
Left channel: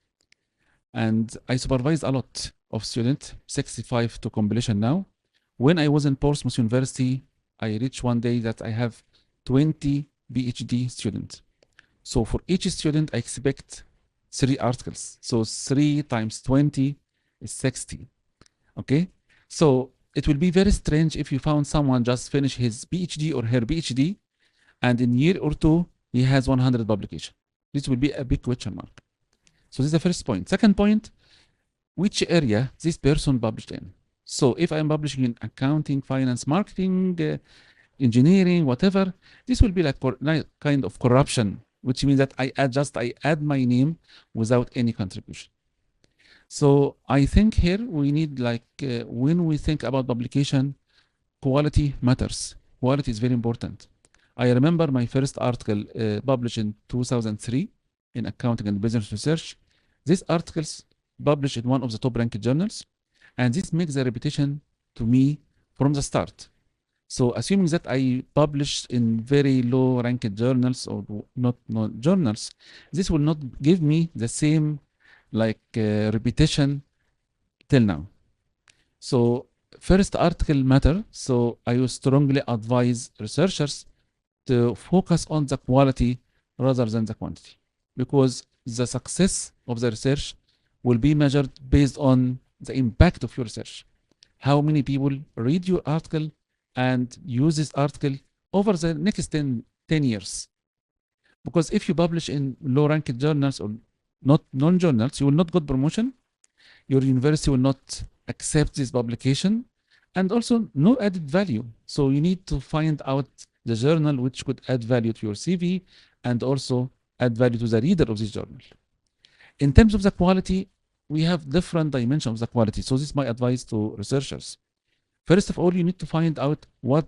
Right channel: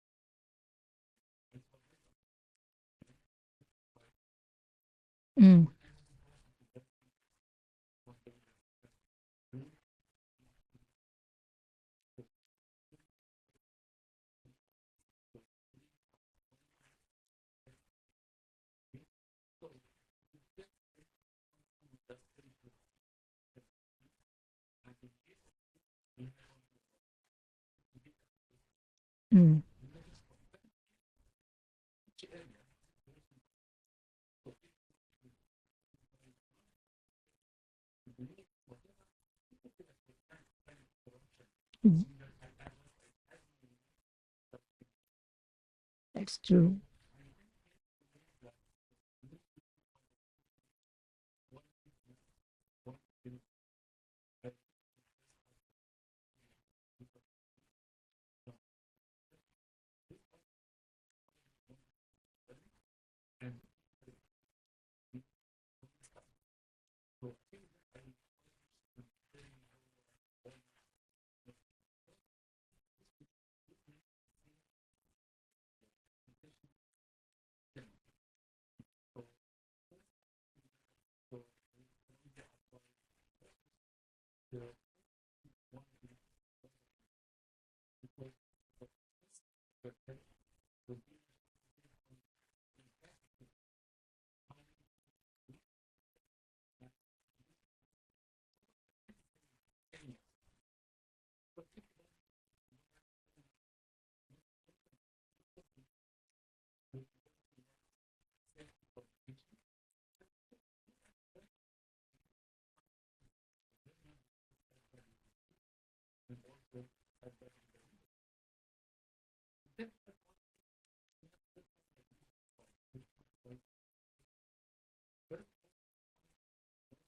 And I supervised a lot of students, 65 to completion now. When I was in Portsmouth University, I reached one day that I have 20 PhD students. So for each student, I expect 3 articles. So 3 times 20 is 60. Okay? So it will be very strange if you found someone just finished his PhD or her PhD, and in year or two, he has 100 publication. This will be a big question mark. So this is the first point. Second point, which area this person published in. So if I'm publishing in accounting, finance, marketing, engineering, whatever, this will be like kind of corruption, which means that I add my name without any contribution. That's true. So I think here we need when we think about publication, quality matters. Quality is very important. I remember my first article published in 2003 in Accounting and Business Research. These articles published in one of the top ranked journals, and this makes a reputation to me from the start. So assuming that I publish in very low ranked journals or not journals, this will not give me the same reputation till now. So first article matter. So I would strongly advise researchers to focus on the quality rather than the quantity, because the success of the research will be measured based on the impact of your research. How many people read your article and use this article over the next 10 years? Because if you publish in low-ranked journals or not non-journals, you will not get promotion. Your university will not accept this publication, and also no added value. So you need to find out the journal which could add value to your CV and also add value to the reader of this journal. In terms of the quality, we have different dimensions of the quality. So this is my advice to researchers. First of all, you need to find out what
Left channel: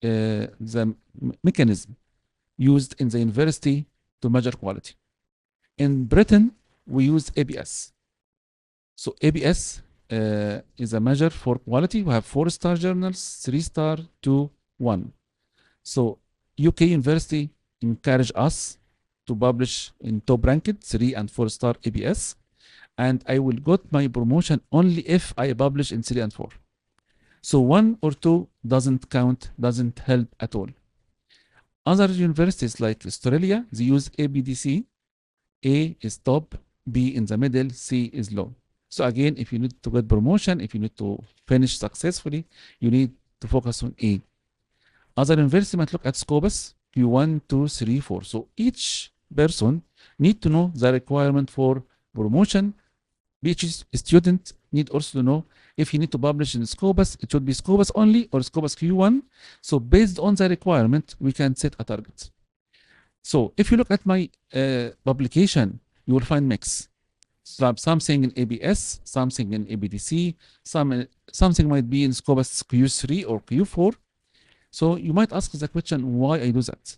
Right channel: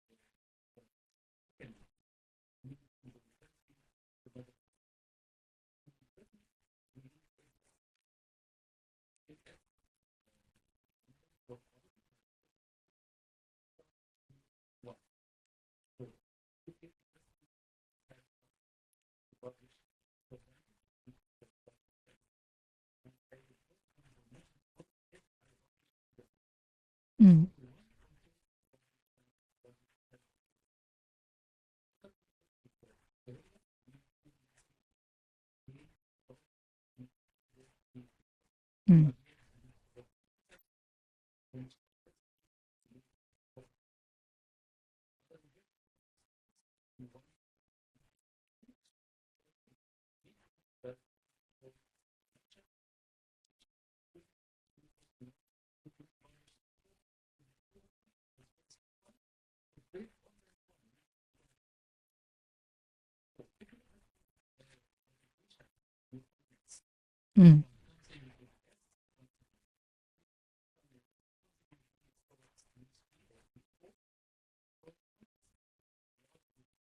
the mechanism used in the university to measure quality. In Britain, we use ABS. So ABS is a measure for quality. We have 4-star journals, 3-star, 2, 1. So UK University encourage us to publish in top-ranked 3 and 4-star ABS, and I will get my promotion only if I publish in 3 and 4. So 1 or 2 doesn't count, doesn't help at all. Other universities like Australia, they use ABDC. A is top, B in the middle, C is low. So again, if you need to get promotion, if you need to finish successfully, you need to focus on A. Other universities might look at Scopus, Q1, 2, 3, 4. So each person need to know the requirement for promotion. PhD student need also to know if you need to publish in Scopus, it should be Scopus only or Scopus Q1. So based on the requirement, we can set a target. So if you look at my publication, you will find mix. Something in ABS, something in ABDC, something might be in Scopus Q3 or Q4. So you might ask the question, why I do that?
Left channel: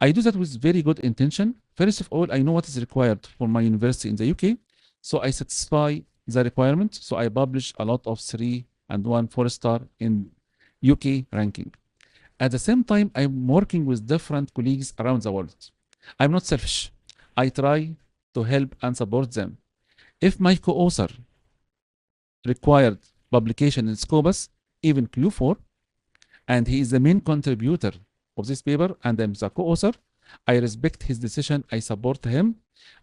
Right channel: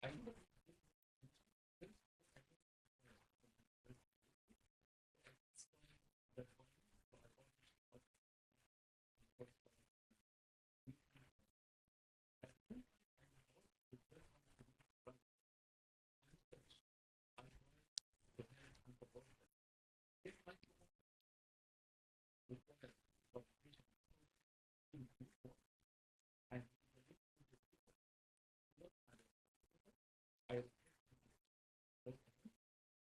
I do that with very good intention. First of all, I know what is required for my university in the UK. So I satisfy the requirement. So I publish a lot of 3 and 1 4-star in UK ranking. At the same time, I'm working with different colleagues around the world. I'm not selfish. I try to help and support them. If my co-author required publication in Scopus, even Q4, and he is the main contributor of this paper, and I'm the co-author, I respect his decision, I support him,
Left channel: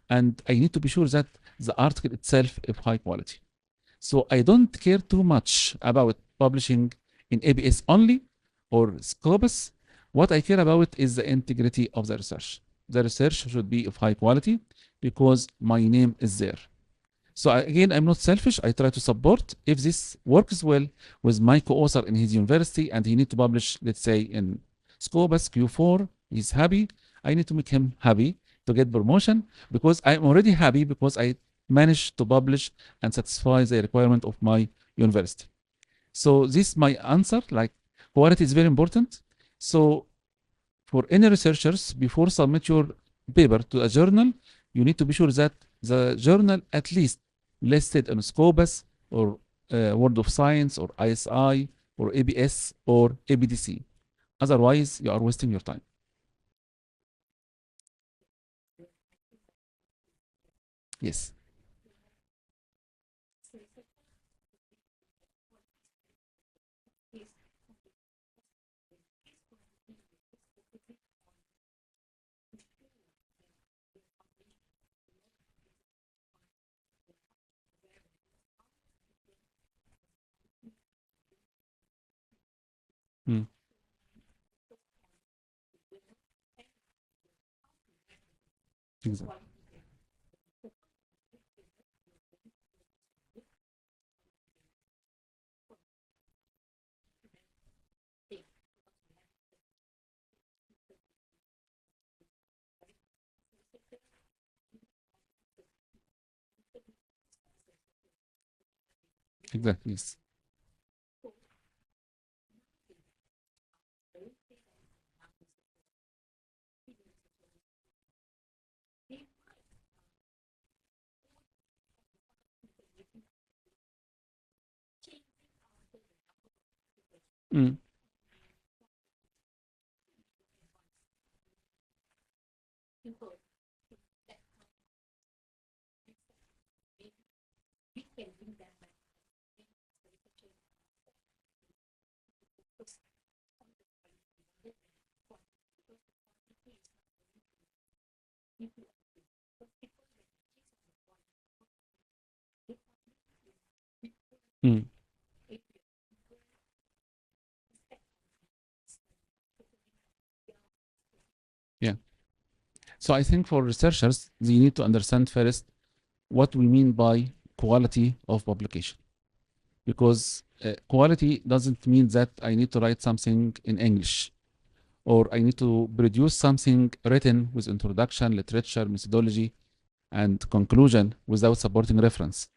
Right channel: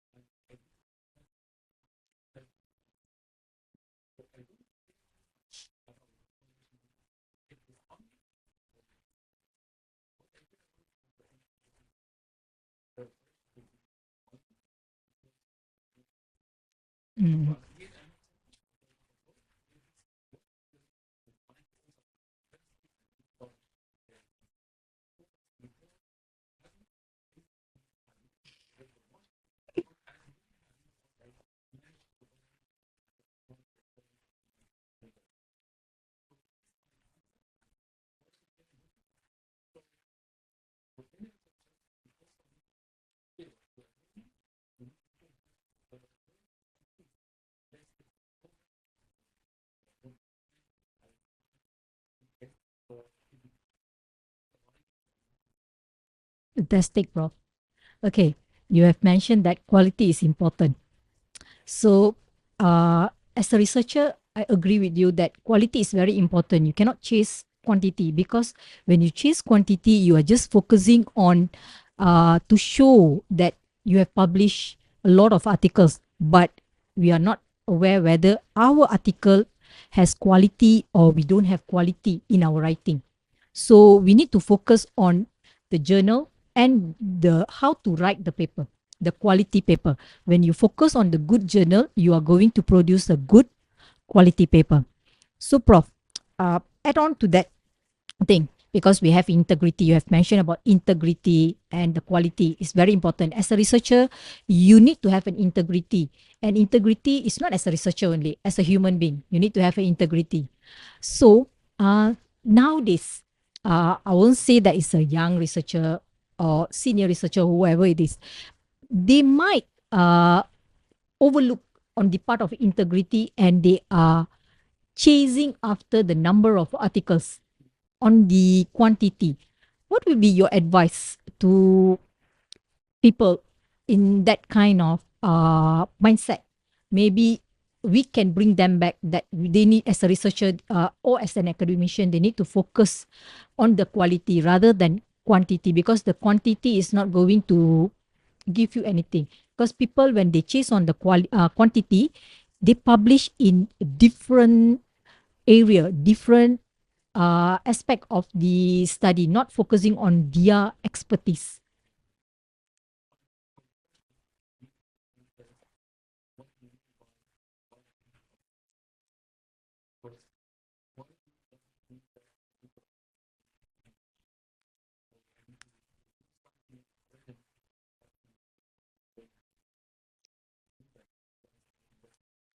and I need to be sure that the article itself is high quality. So I don't care too much about publishing in ABS only or Scopus. What I care about is the integrity of the research. The research should be of high quality. because my name is there. So again, I'm not selfish. I try to support. If this works well with my co-author in his university and he need to publish, let's say in Scopus Q4, he's happy. I need to make him happy to get promotion because I'm already happy because I managed to publish and satisfy the requirement of my university. So this is my answer. Like quality is very important. So for any researchers, before submit your paper to a journal, you need to be sure that the journal at least listed on Scopus or World of Science or ISI or ABS or ABDC. Otherwise, you are wasting your time. Fantastic, Prof. Okay, you have mentioned that quality is important. Yes. So, as a researcher, I agree with you that quality is very important. You cannot chase quantity because when you chase quantity, you are just focusing on to show that you have published a lot of articles, but we are not aware whether our article has quality or we don't have quality in our writing. So we need to focus on the journal and the how to write the paper, the quality paper. When you focus on the good journal, you are going to produce a good quality paper. So, Prof, add on to that thing because we have integrity. You have mentioned about integrity and the quality is very important. As a researcher, you need to have an integrity. And integrity is not as a researcher only, as a human being. You need to have an integrity. So, nowadays, I won't say that it's a young researcher or senior researcher, whoever it is. They might overlook on the part of integrity and they are chasing after the number of articles on the quantity. What will be your advice to people in that kind of mindset? Maybe we can bring them back that they need, as a researcher or as an academician, they need to focus on the quality rather than quantity because the quantity is not going to give you anything. Because people, when they chase on the quantity, they publish in different area, different aspect of the study, not focusing on their expertise. Yeah. So I think for researchers, they need to understand first what we mean by quality of publication. Because quality doesn't mean that I need to write something in English or I need to produce something written with introduction, literature, methodology, and conclusion without supporting reference.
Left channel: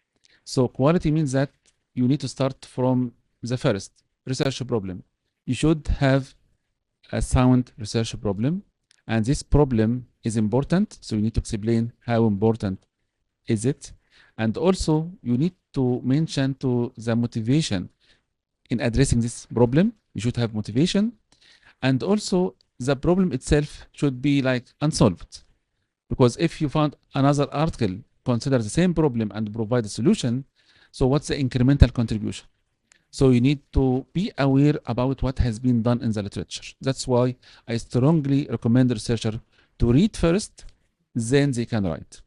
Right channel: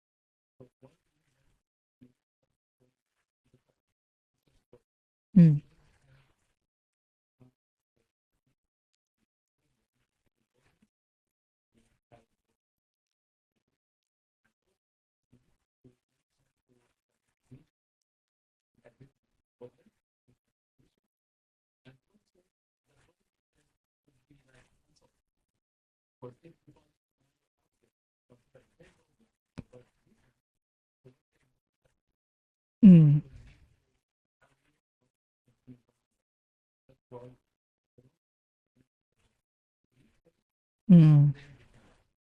So quality means that you need to start from the first research problem. You should have a sound research problem, and this problem is important. So you need to explain how important is it, and also you need to mention to the motivation in addressing this problem. You should have motivation, and also the problem itself should be like unsolved. Because if you found another article consider the same problem and provide a solution, so what's the incremental contribution? So you need to be aware about what has been done in the literature. That's why I strongly recommend the researcher to read first, then they can write.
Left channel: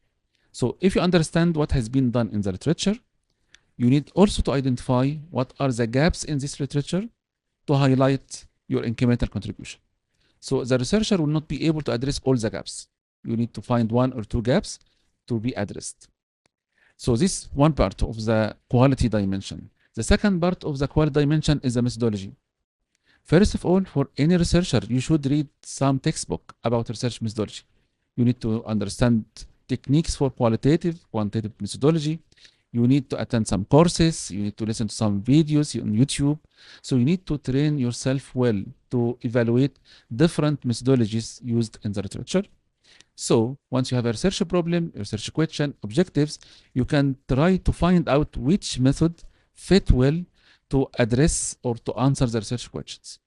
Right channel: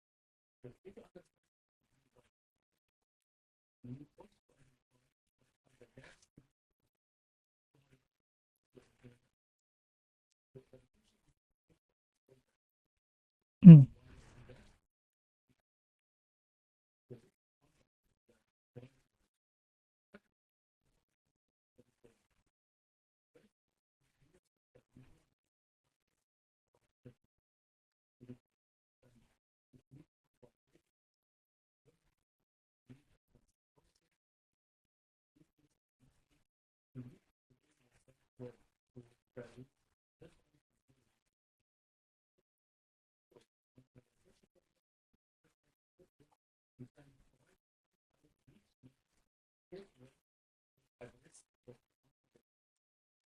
So if you understand what has been done in the literature, you need also to identify what are the gaps in this literature to highlight your incremental contribution. So the researcher will not be able to address all the gaps. You need to find one or two gaps to be addressed. So this is one part of the quality dimension. The second part of the quality dimension is the methodology. First of all, for any researcher, you should read some textbook about research methodology. You need to understand techniques for qualitative, quantitative methodology. You need to attend some courses. You need to listen to some videos on YouTube. So you need to train yourself well to evaluate different methodologies used in the literature. So once you have a research problem, a research question, objectives, you can try to find out which method fit well to address or to answer the research questions.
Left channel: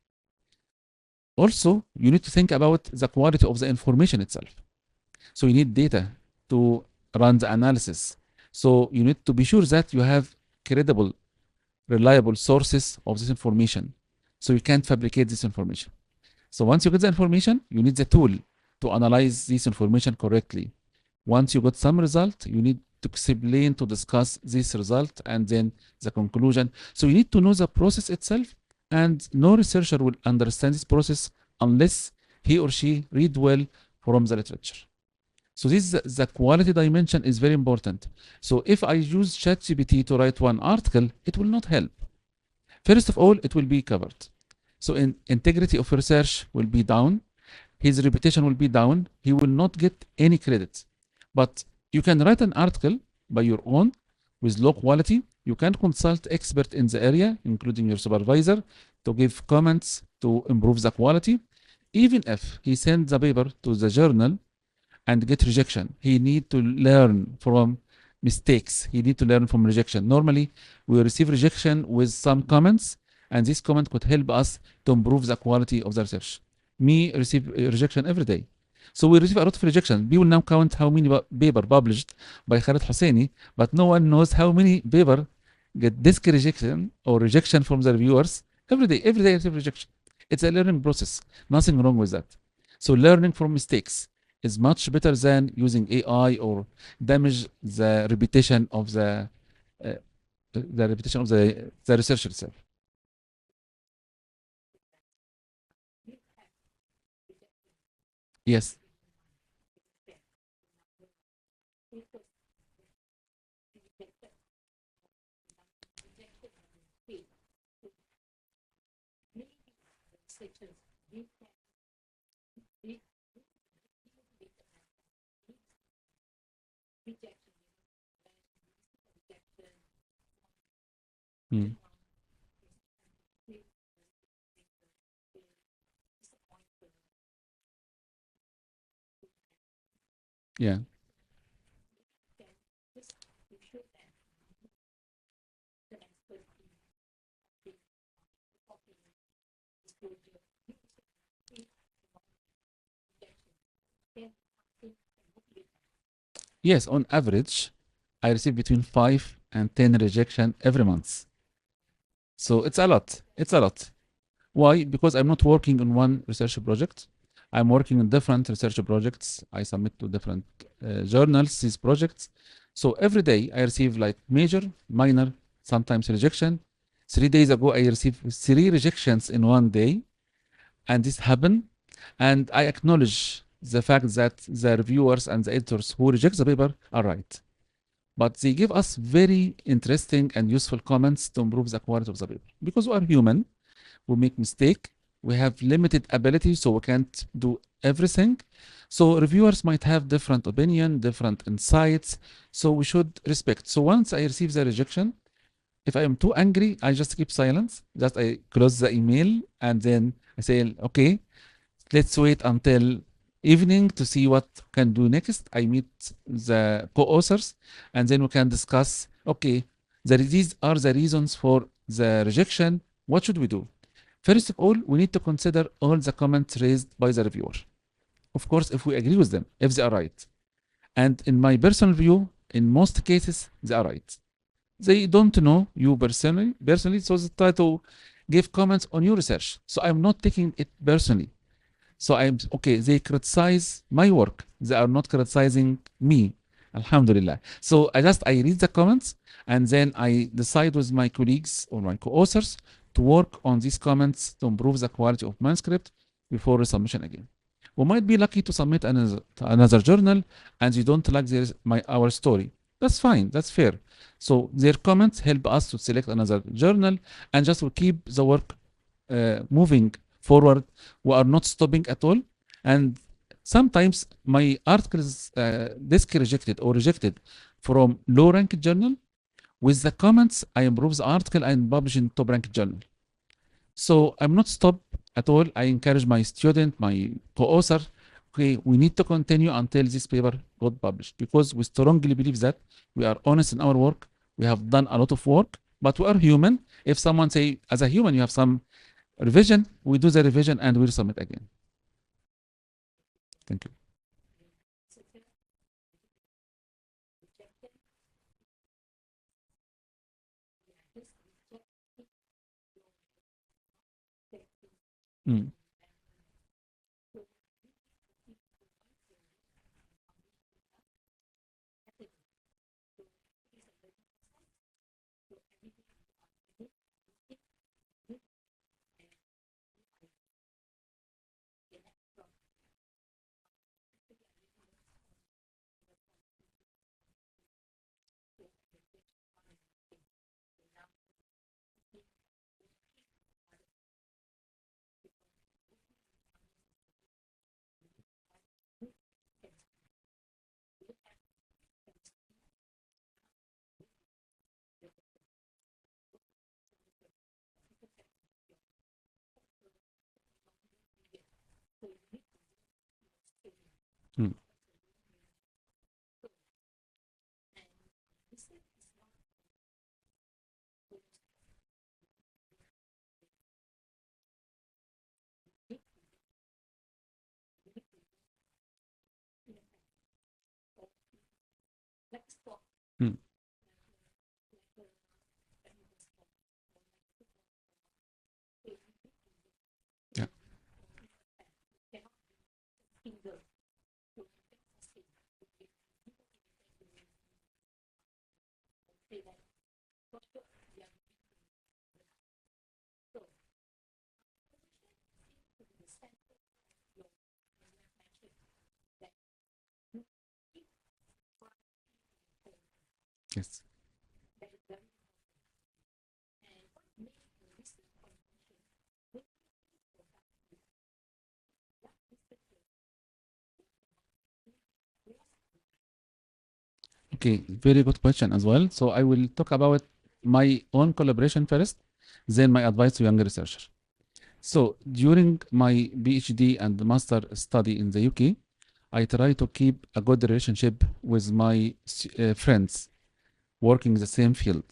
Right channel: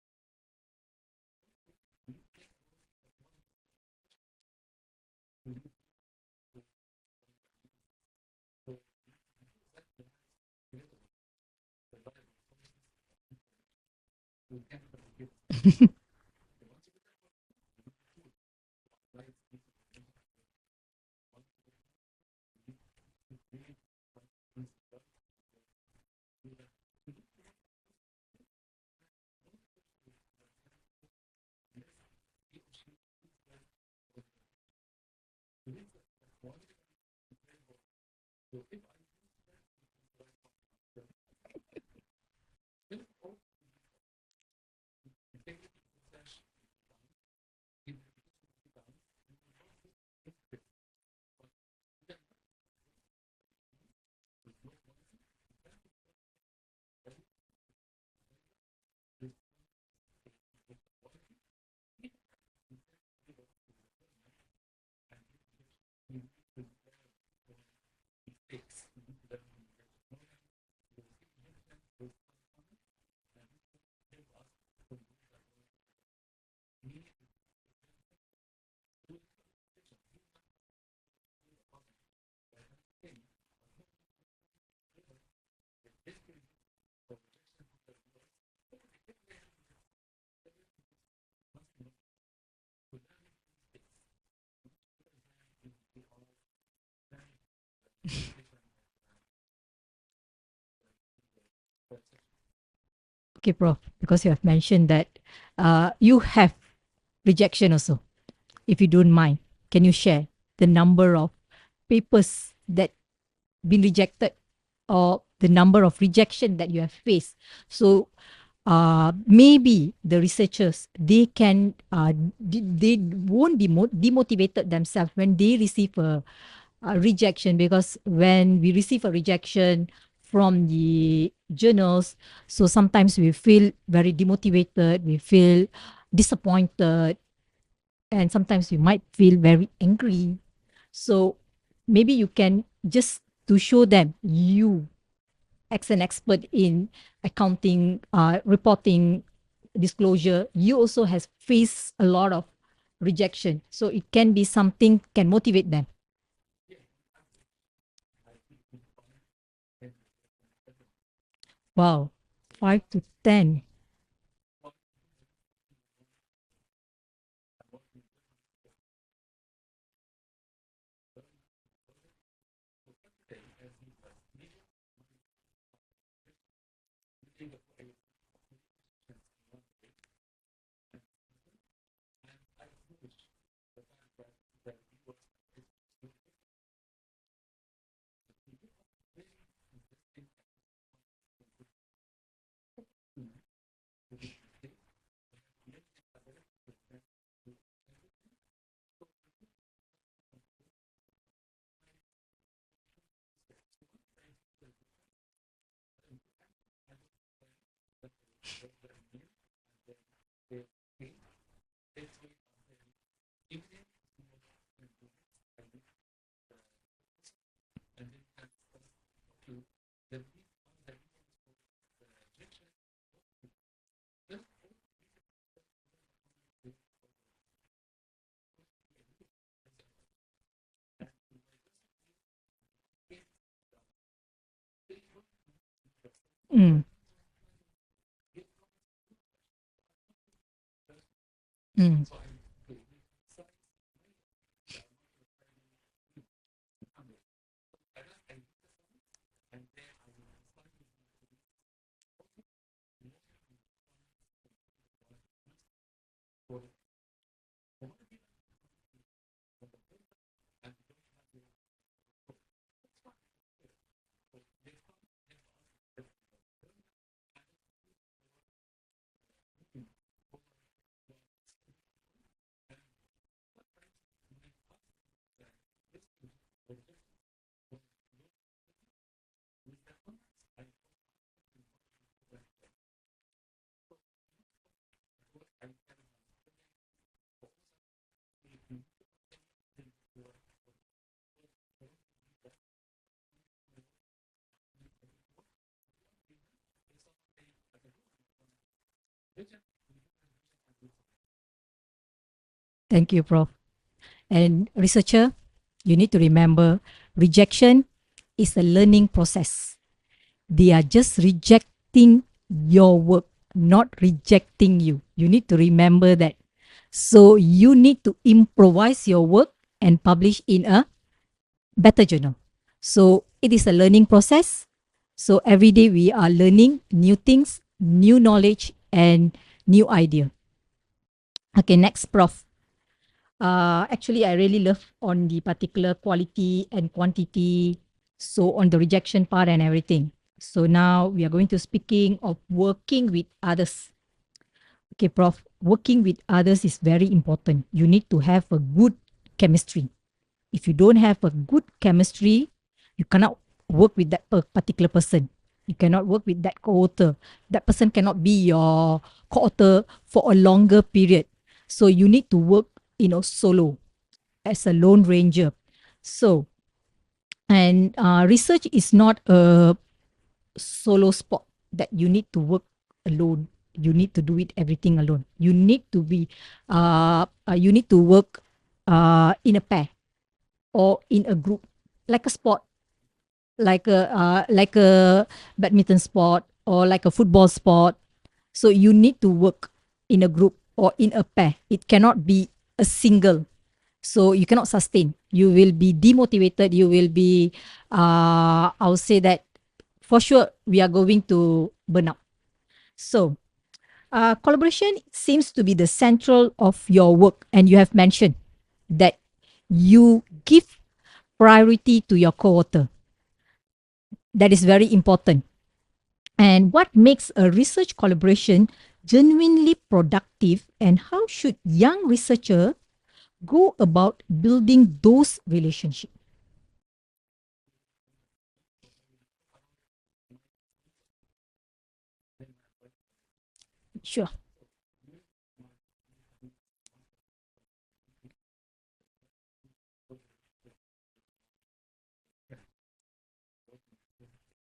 Also, you need to think about the quality of the information itself. So you need data to run the analysis. So you need to be sure that you have credible, reliable sources of this information. So you can't fabricate this information. So once you get the information, you need the tool to analyze this information correctly. Once you got some result, you need to explain, to discuss this result, and then the conclusion. So you need to know the process itself, and no researcher will understand this process unless he or she read well from the literature. So this the quality dimension is very important. So if I use ChatGPT to write one article, it will not help. First of all, it will be covered. So integrity of research will be down. His reputation will be down. He will not get any credit. But you can write an article by your own with low quality. You can consult expert in the area, including your supervisor, to give comments to improve the quality. Even if he sends the paper to the journal and get rejection, he need to learn from mistakes. He need to learn from rejection. Normally, we receive rejection with some comments, and this comment could help us to improve the quality of the research. Me receive rejection every day. So we receive a lot of rejection. People now count how many paper published by Khaled Hussainey, but no one knows how many paper get disk rejection or rejection from the reviewers every day. Every day I receive rejection. It's a learning process. Nothing wrong with that. So learning from mistakes is much better than using AI or damage the reputation of the researcher itself. Okay, Prof, because you have mentioned that you have rejection also. Yes. If you don't mind, can you share the number of papers that been rejected or the number of rejection that you have faced? So maybe the researchers, they can they won't be demotivated themselves when they receive a rejection, because when we receive a rejection from the journals, so sometimes we feel very demotivated, we feel disappointed, and sometimes we might feel very angry. Yeah. So maybe you can just to show them, you as an expert in accounting, reporting, disclosure, you also has faced a lot of rejection. So it can be something can motivate them. Yes, on average, I receive between 5 and 10 rejection every month. Wow. So it's a lot. 10. It's a lot. Why? Because I'm not working on one research project. I'm working on different research projects. I submit to different journals these projects. So every day I receive like major, minor, sometimes rejection. 3 days ago I received 3 rejections in one day, and this happened. And I acknowledge the fact that the reviewers and the editors who reject the paper are right. But they give us very interesting and useful comments to improve the quality of the paper. Because we are human, we make mistake, we have limited ability, so we can't do everything. So reviewers might have different opinion, different insights, so we should respect. So once I receive the rejection, if I am too angry, I just keep silence. Just I close the email and then I say, okay, let's wait until evening to see what can do next. I meet the co-authors and then we can discuss, okay, these are the reasons for the rejection. What should we do? First of all, we need to consider all the comments raised by the reviewer. Of course, if we agree with them, if they are right. And in my personal view, in most cases, they are right. They don't know you personally, so they try to give comments on your research. So I'm not taking it personally. So I'm okay. They criticize my work. They are not criticizing me. Alhamdulillah. So I read the comments and then I decide with my colleagues or my co-authors to work on these comments to improve the quality of manuscript before resubmission again. We might be lucky to submit another journal and you don't like our story. That's fine. That's fair. So their comments help us to select another journal and just to keep the work moving forward. We are not stopping at all. And sometimes my article is disk rejected or rejected from low ranked journal. With the comments, I improve the article and publish in top ranked journal. So I'm not stopped at all. I encourage my student, my co-author, okay, we need to continue until this paper got published, because we strongly believe that we are honest in our work. We have done a lot of work, but we are human. If someone say, as a human, you have some revision, we do the revision and we submit again. Thank you, Prof. Thank you. And researcher, you need to remember, rejection is a learning process. They are just rejecting your work, not rejecting you. You need to remember that. So you need to improvise your work and publish in a better journal. So it is a learning process. So every day we are learning new things, new knowledge, and new idea. Okay, next, Prof. Actually, I really love on the particular quality and quantity. So on the rejection part and everything. So now we are going to speaking of working with others. Okay, Prof. Working with others is very important. You need to have a good chemistry. If you don't have a good chemistry, you cannot work with that particular person. You cannot work with that co-author. That person cannot be your co-author for a longer period. So you need to work, solo Mm. as a lone ranger. So, and research is not a solo sport that you need to work alone. You need to do it everything alone. You need to work in a pair or in a group, like a sport, Mm. like a badminton sport or like a football sport. So you need to work in Yeah. a group or in a pair. It cannot be a single. So you cannot sustain. You will be demotivated. You will be, I'll say that for sure we are going to burn out. So collaboration seems to be the central of your work, and you have mentioned that you give priority to your co-author. Yes. That is very important. And what makes a research collaboration genuinely productive, and how should young researcher go about building those relationships? Okay, very good question as well. So I will talk about my own collaboration first, then my advice to younger researchers. Sure. So during my PhD and master study in the UK, I try to keep a good relationship with my friends working the same field.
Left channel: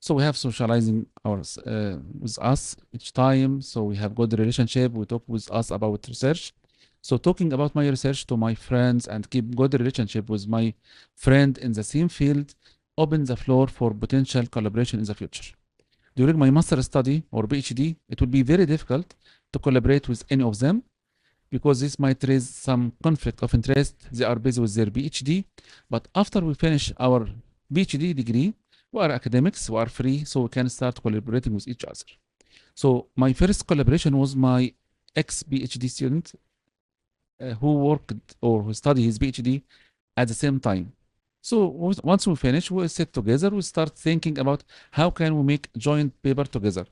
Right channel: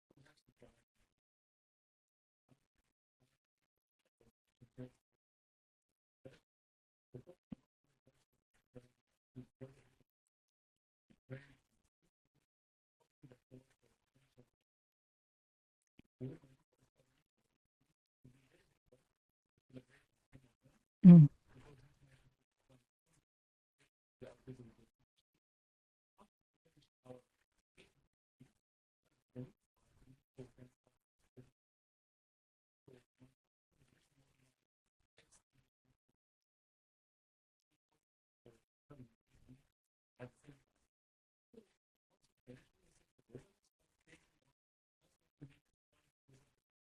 So we have socializing hours with us each time. So we have good relationship. We talk with us about research. So talking about my research to my friends and keep good relationship with my friend in the same field open the floor for potential collaboration in the future. During my master study or PhD, it will be very difficult to collaborate with any of them Mm. because this might raise some conflict of interest. They are busy with their PhD, but after we finish our PhD degree, we are academics, we are free, so we can start collaborating with each other. So my first collaboration was my ex-PhD student who worked or who studied his PhD at the same time. So once we finish, we sit together, we start thinking about how can we make joint paper together.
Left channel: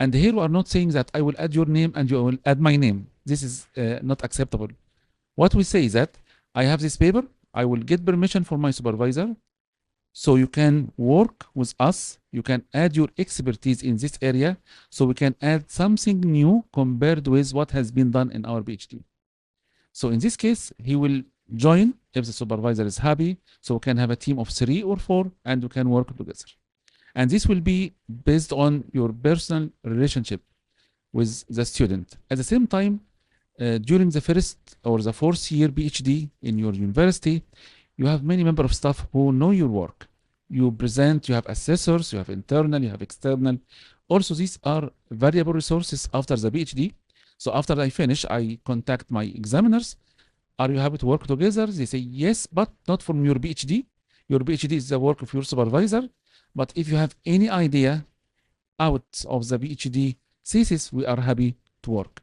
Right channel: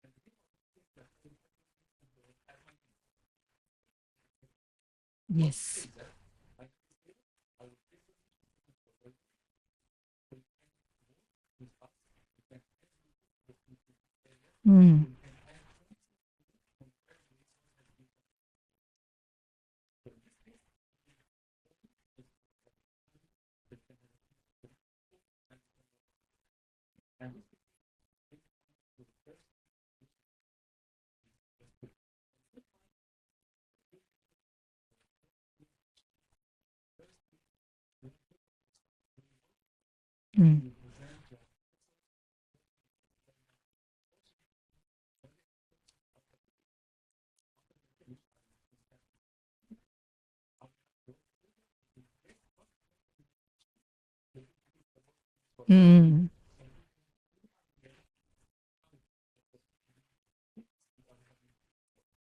And here we are not saying that I will add your name and you will add my name. This is not acceptable. What we say Yes. is that I have this paper, I will get permission from my supervisor, so you can work with us, you can add your expertise in this area, Mm. so we can add something new compared with what has been done in our PhD. So in this case, he will join if the supervisor is happy, so we can have a team of 3 or 4 and we can work together. And this will be based on your personal relationship with the student. At the same time, during the first or the fourth year PhD in your university, you have many member of staff who know your work. Mm. You present, you have assessors, you have internal, you have external. Also, these are valuable resources after the PhD. So after I finish, I contact my examiners. Are you happy to work together? They say yes, but not from your PhD. Your PhD is the work of your supervisor. Mm. But if you have any idea out of the PhD thesis, we are happy to work.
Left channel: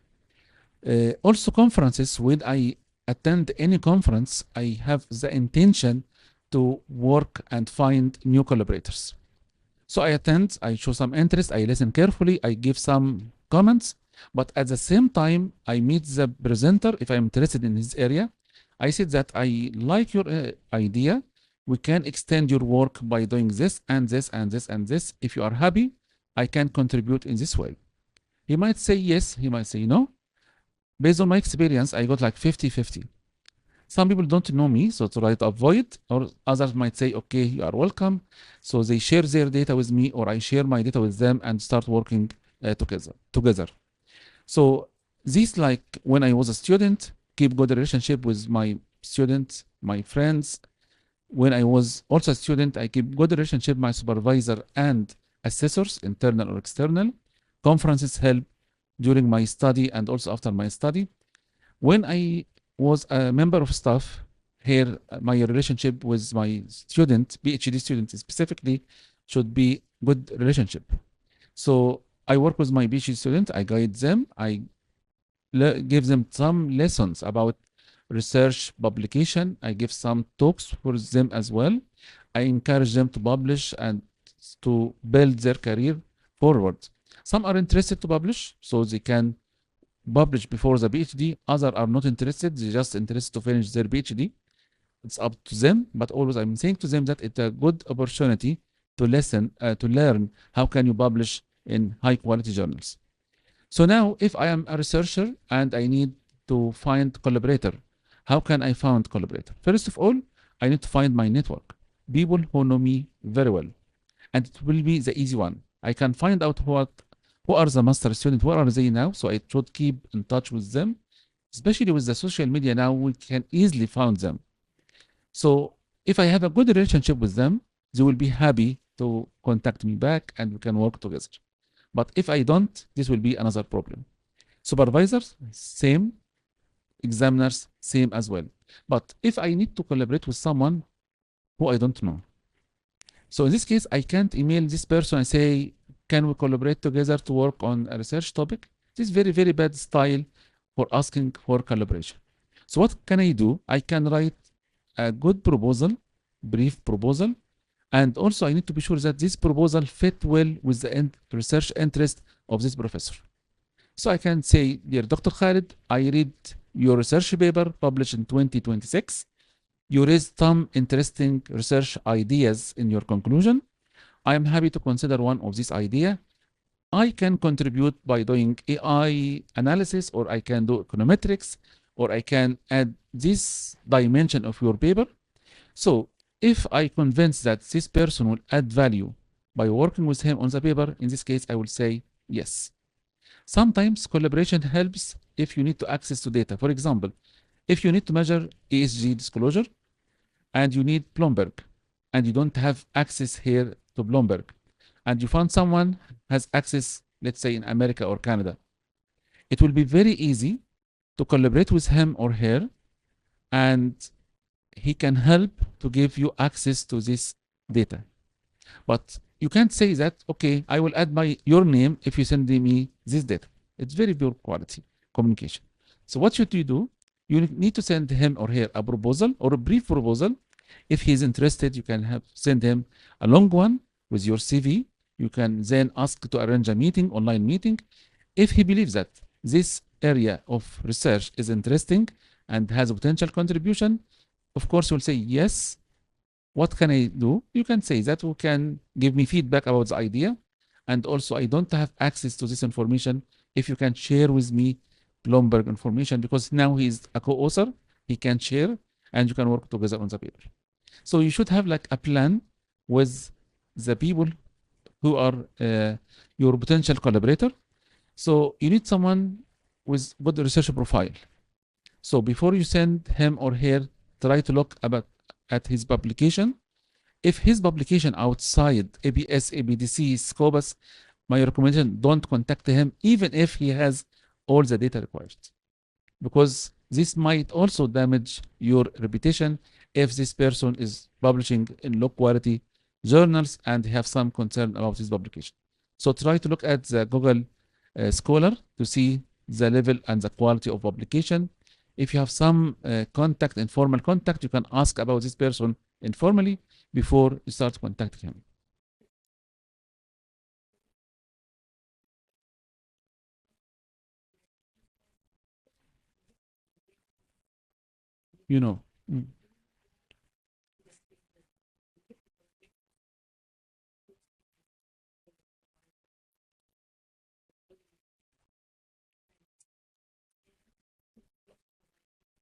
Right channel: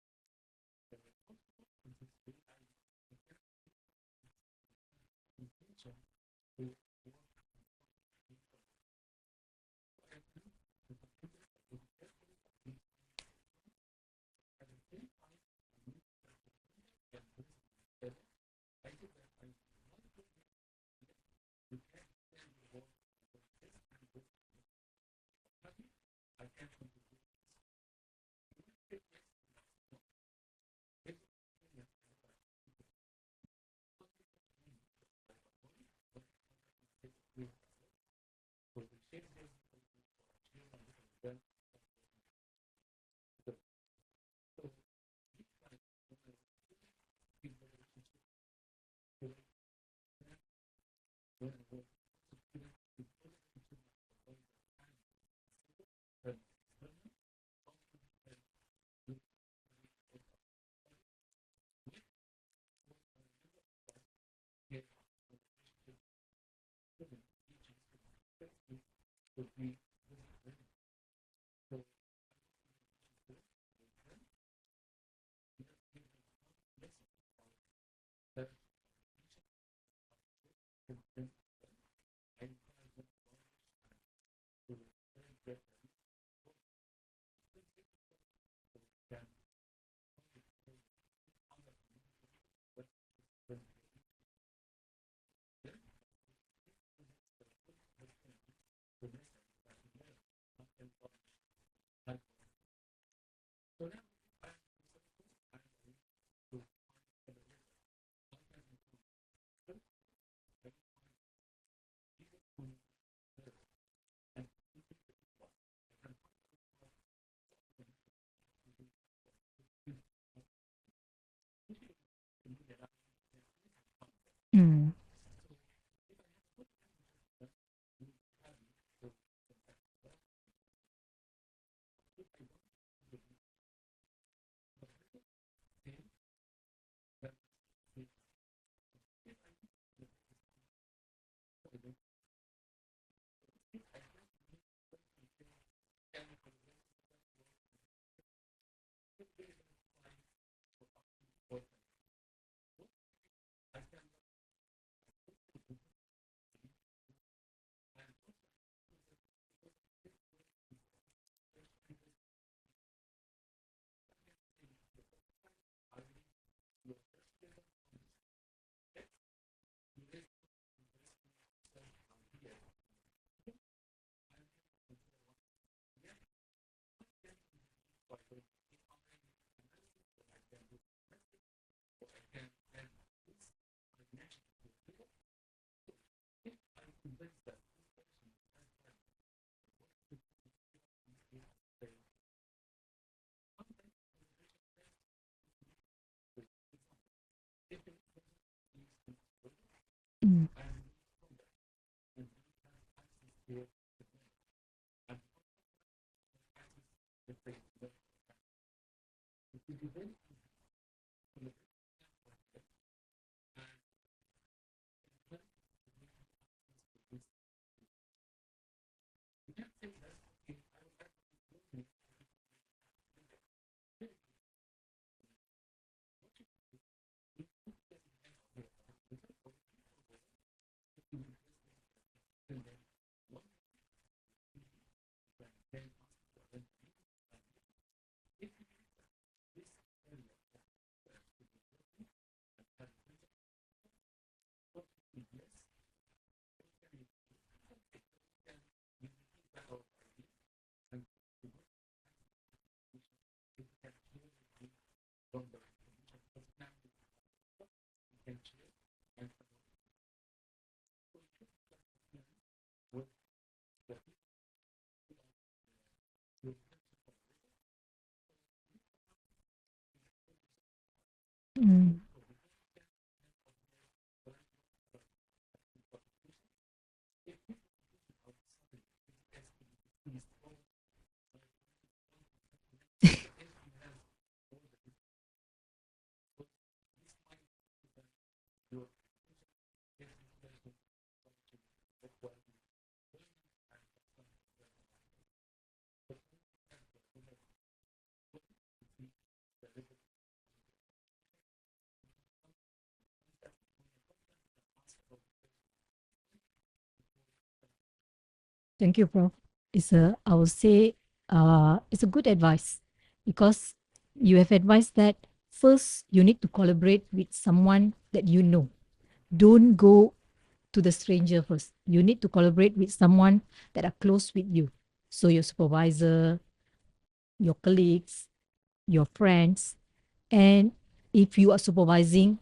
Also, conferences, when I attend any conference, I have the intention to work and find new collaborators. So I attend, I show some interest, I listen carefully, I give some comments, but at the same time, I meet the presenter if I'm interested in his area. I said that I like your idea. We can extend your work by doing this and this and this and this. If you are happy, I can contribute in this way. He might say yes, he might say no. Based on my experience, I got like 50-50. Some people don't know me, so try to avoid, or others might say, okay, you are welcome. So they share their data with me, or I share my data with them and start working together. So this, like when I was a student, keep good relationship with my students, my friends. When I was also a student, I keep good relationship with my supervisor and assessors, internal or external. Conferences help during my study and also after my study. When I was a member of staff here, my relationship with my student, PhD students specifically, should be good relationship. So I work with my PhD student, I guide them, I give them some lessons about research publication. I give some talks for them as well. I encourage them to publish and to build their career forward. Some are interested to publish, so they can publish before the PhD. Others are not interested, they just interested to finish their PhD. It's up to them, but always I'm saying to them that it's a good opportunity to listen, to learn how can you publish in high quality journals. So now, if I am a researcher and I need to find collaborator, how can I find collaborator? First of all, I need to find my network, people who know me very well, and it will be the easy one. I can find out who are the master students, where are they now, so I should keep in touch with them. Especially with the social media now, we can easily find them. So if I have a good relationship with them, they will be happy to contact me back and we can work together. But if I don't, this will be another problem. Supervisors, same. Examiners, same as well. But if I need to collaborate with someone who I don't know, so in this case, I can't email this person and say, can we collaborate together to work on a research topic? This is very, very bad style for asking for collaboration. So what can I do? I can write a good proposal, brief proposal, and also I need to be sure that this proposal fit well with the research interest of this professor. So I can say, dear Dr. Khaled, I read your research paper published in 2026. You raised some interesting research ideas in your conclusion. I am happy to consider one of these ideas. I can contribute by doing AI analysis, or I can do econometrics, or I can add this dimension of your paper. So if I convince that this person will add value by working with him on the paper, in this case, I will say yes. Sometimes collaboration helps if you need to access to data. For example, if you need to measure ESG disclosure and you need Bloomberg and you don't have access here to Bloomberg, and you find someone has access, let's say in America or Canada, it will be very easy to collaborate with him or her, and he can help to give you access to this data. But you can't say that, okay, I will add your name if you send me this data. It's very poor quality communication. So what should you do? You need to send him or her a proposal or a brief proposal. If he's interested, you can send him a long one with your CV. You can then ask to arrange a meeting, online meeting. If he believes that this area of research is interesting and has a potential contribution, of course, you'll say, yes, what can I do? You can say that you can give me feedback about the idea. And also, I don't have access to this information. If you can share with me Bloomberg information, because now he's a co-author, he can share and you can work together on the paper. So you should have like a plan with the people who are your potential collaborator. So you need someone with good research profile. So before you send him or her, try to look at his publication. If his publication outside ABS, ABDC, Scopus, my recommendation, don't contact him, even if he has all the data required. Because this might also damage your reputation if this person is publishing in low quality journals and have some concern about his publication. So try to look at the Google Scholar to see the level and the quality of publication. If you have some informal contact, you can ask about this person informally before you start contacting him. Thank you, Prof. I would say, it's a good advice, because you have advised that first you need to collaborate with someone that you know. Don't go to the stranger first. You need to collaborate with someone that are close with you. So your supervisor, your colleagues, your friends, and if you are supervising,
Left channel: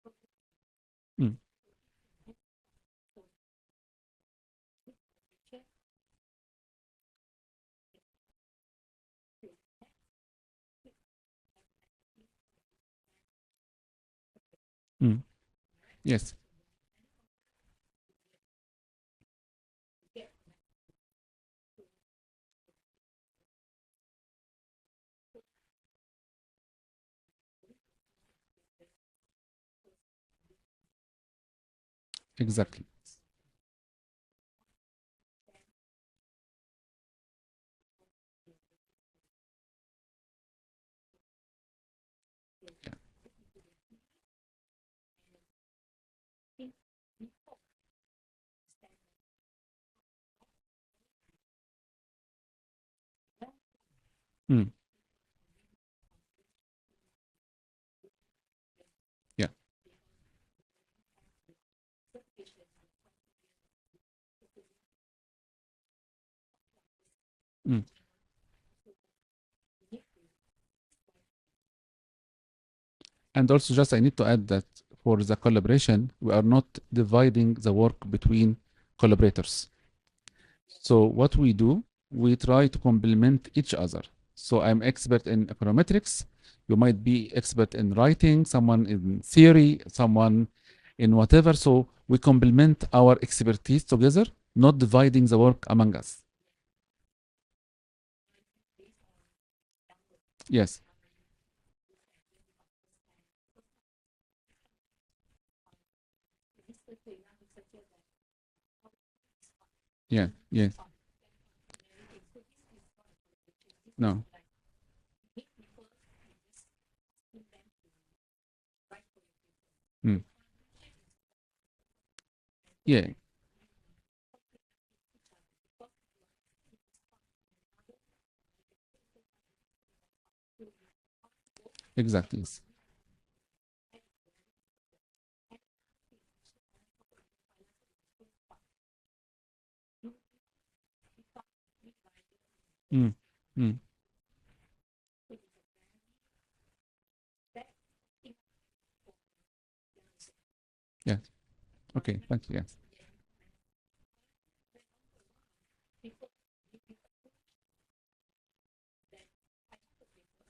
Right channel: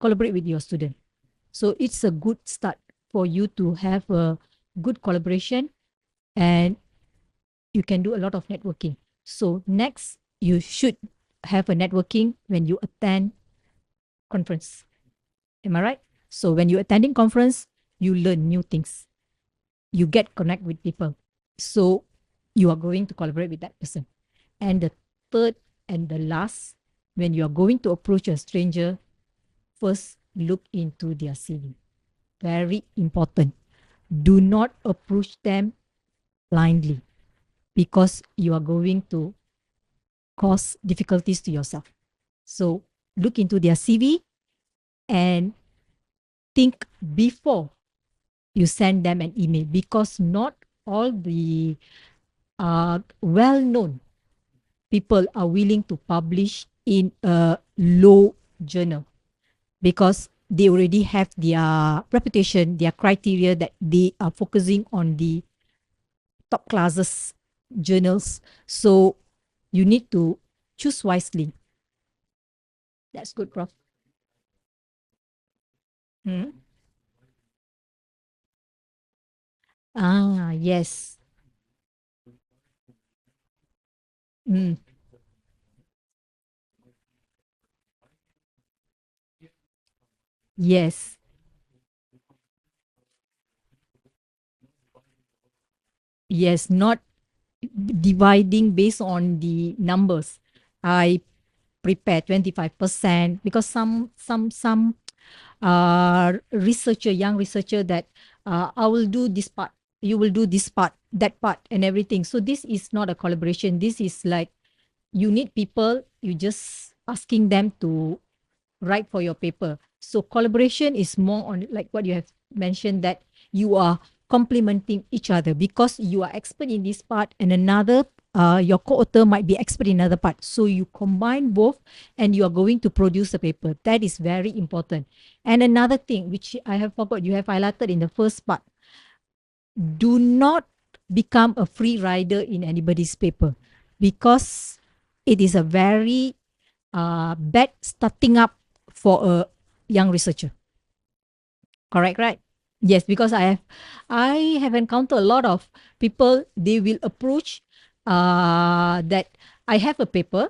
collaborate with your student. So it's a good start for you to have a good collaboration, and you can do a lot of networking. So next, you should have a networking when you attend conference. Am I right? Yes. So when you're attending conference, you learn new things. You get connect with people. So you are going to collaborate with that person. And the third and the last, when you are going to approach a stranger, first look into their CV. Very important. Do not approach them blindly, because you are going to cause difficulties to yourself. So look into their CV, and think before you send them an email, because not all the well-known Mm. people are willing to publish in a low journal. Yeah. Because they already have their reputation, their criteria, that they are focusing on the top classes journals. So you need to choose wisely. That's And good, Prof. also, just I need to add that for the collaboration, we are not dividing the work between collaborators. Yes. So what we do, we try to complement each other. So I'm expert in econometrics. You might be expert in writing, someone in theory, someone Yes. in whatever. So we complement our expertise together, not dividing the work among us. Yes, not dividing based on the numbers. Yes. I prepare 25% because some researcher, young researcher, that I will do this part, you Yeah, will do this yeah. part, that part, and everything. So this is not a collaboration. This No. is like, you need people, you just asking them to write for your paper. So collaboration is more on, like what you have mentioned, Yeah. that you are complementing each other, because you are expert in this part and another your co-author might be expert in another part. So you combine both, Exactly. and you are going to produce a paper. That is very important. And another thing which I have forgot, you have highlighted in the first part, do not become a free rider in anybody's paper, because it is a very bad starting up for a young researcher. Yeah. Correct, Okay, right? thank you. Yes. Yes, because I have encountered a lot of people. They will approach that I have a paper,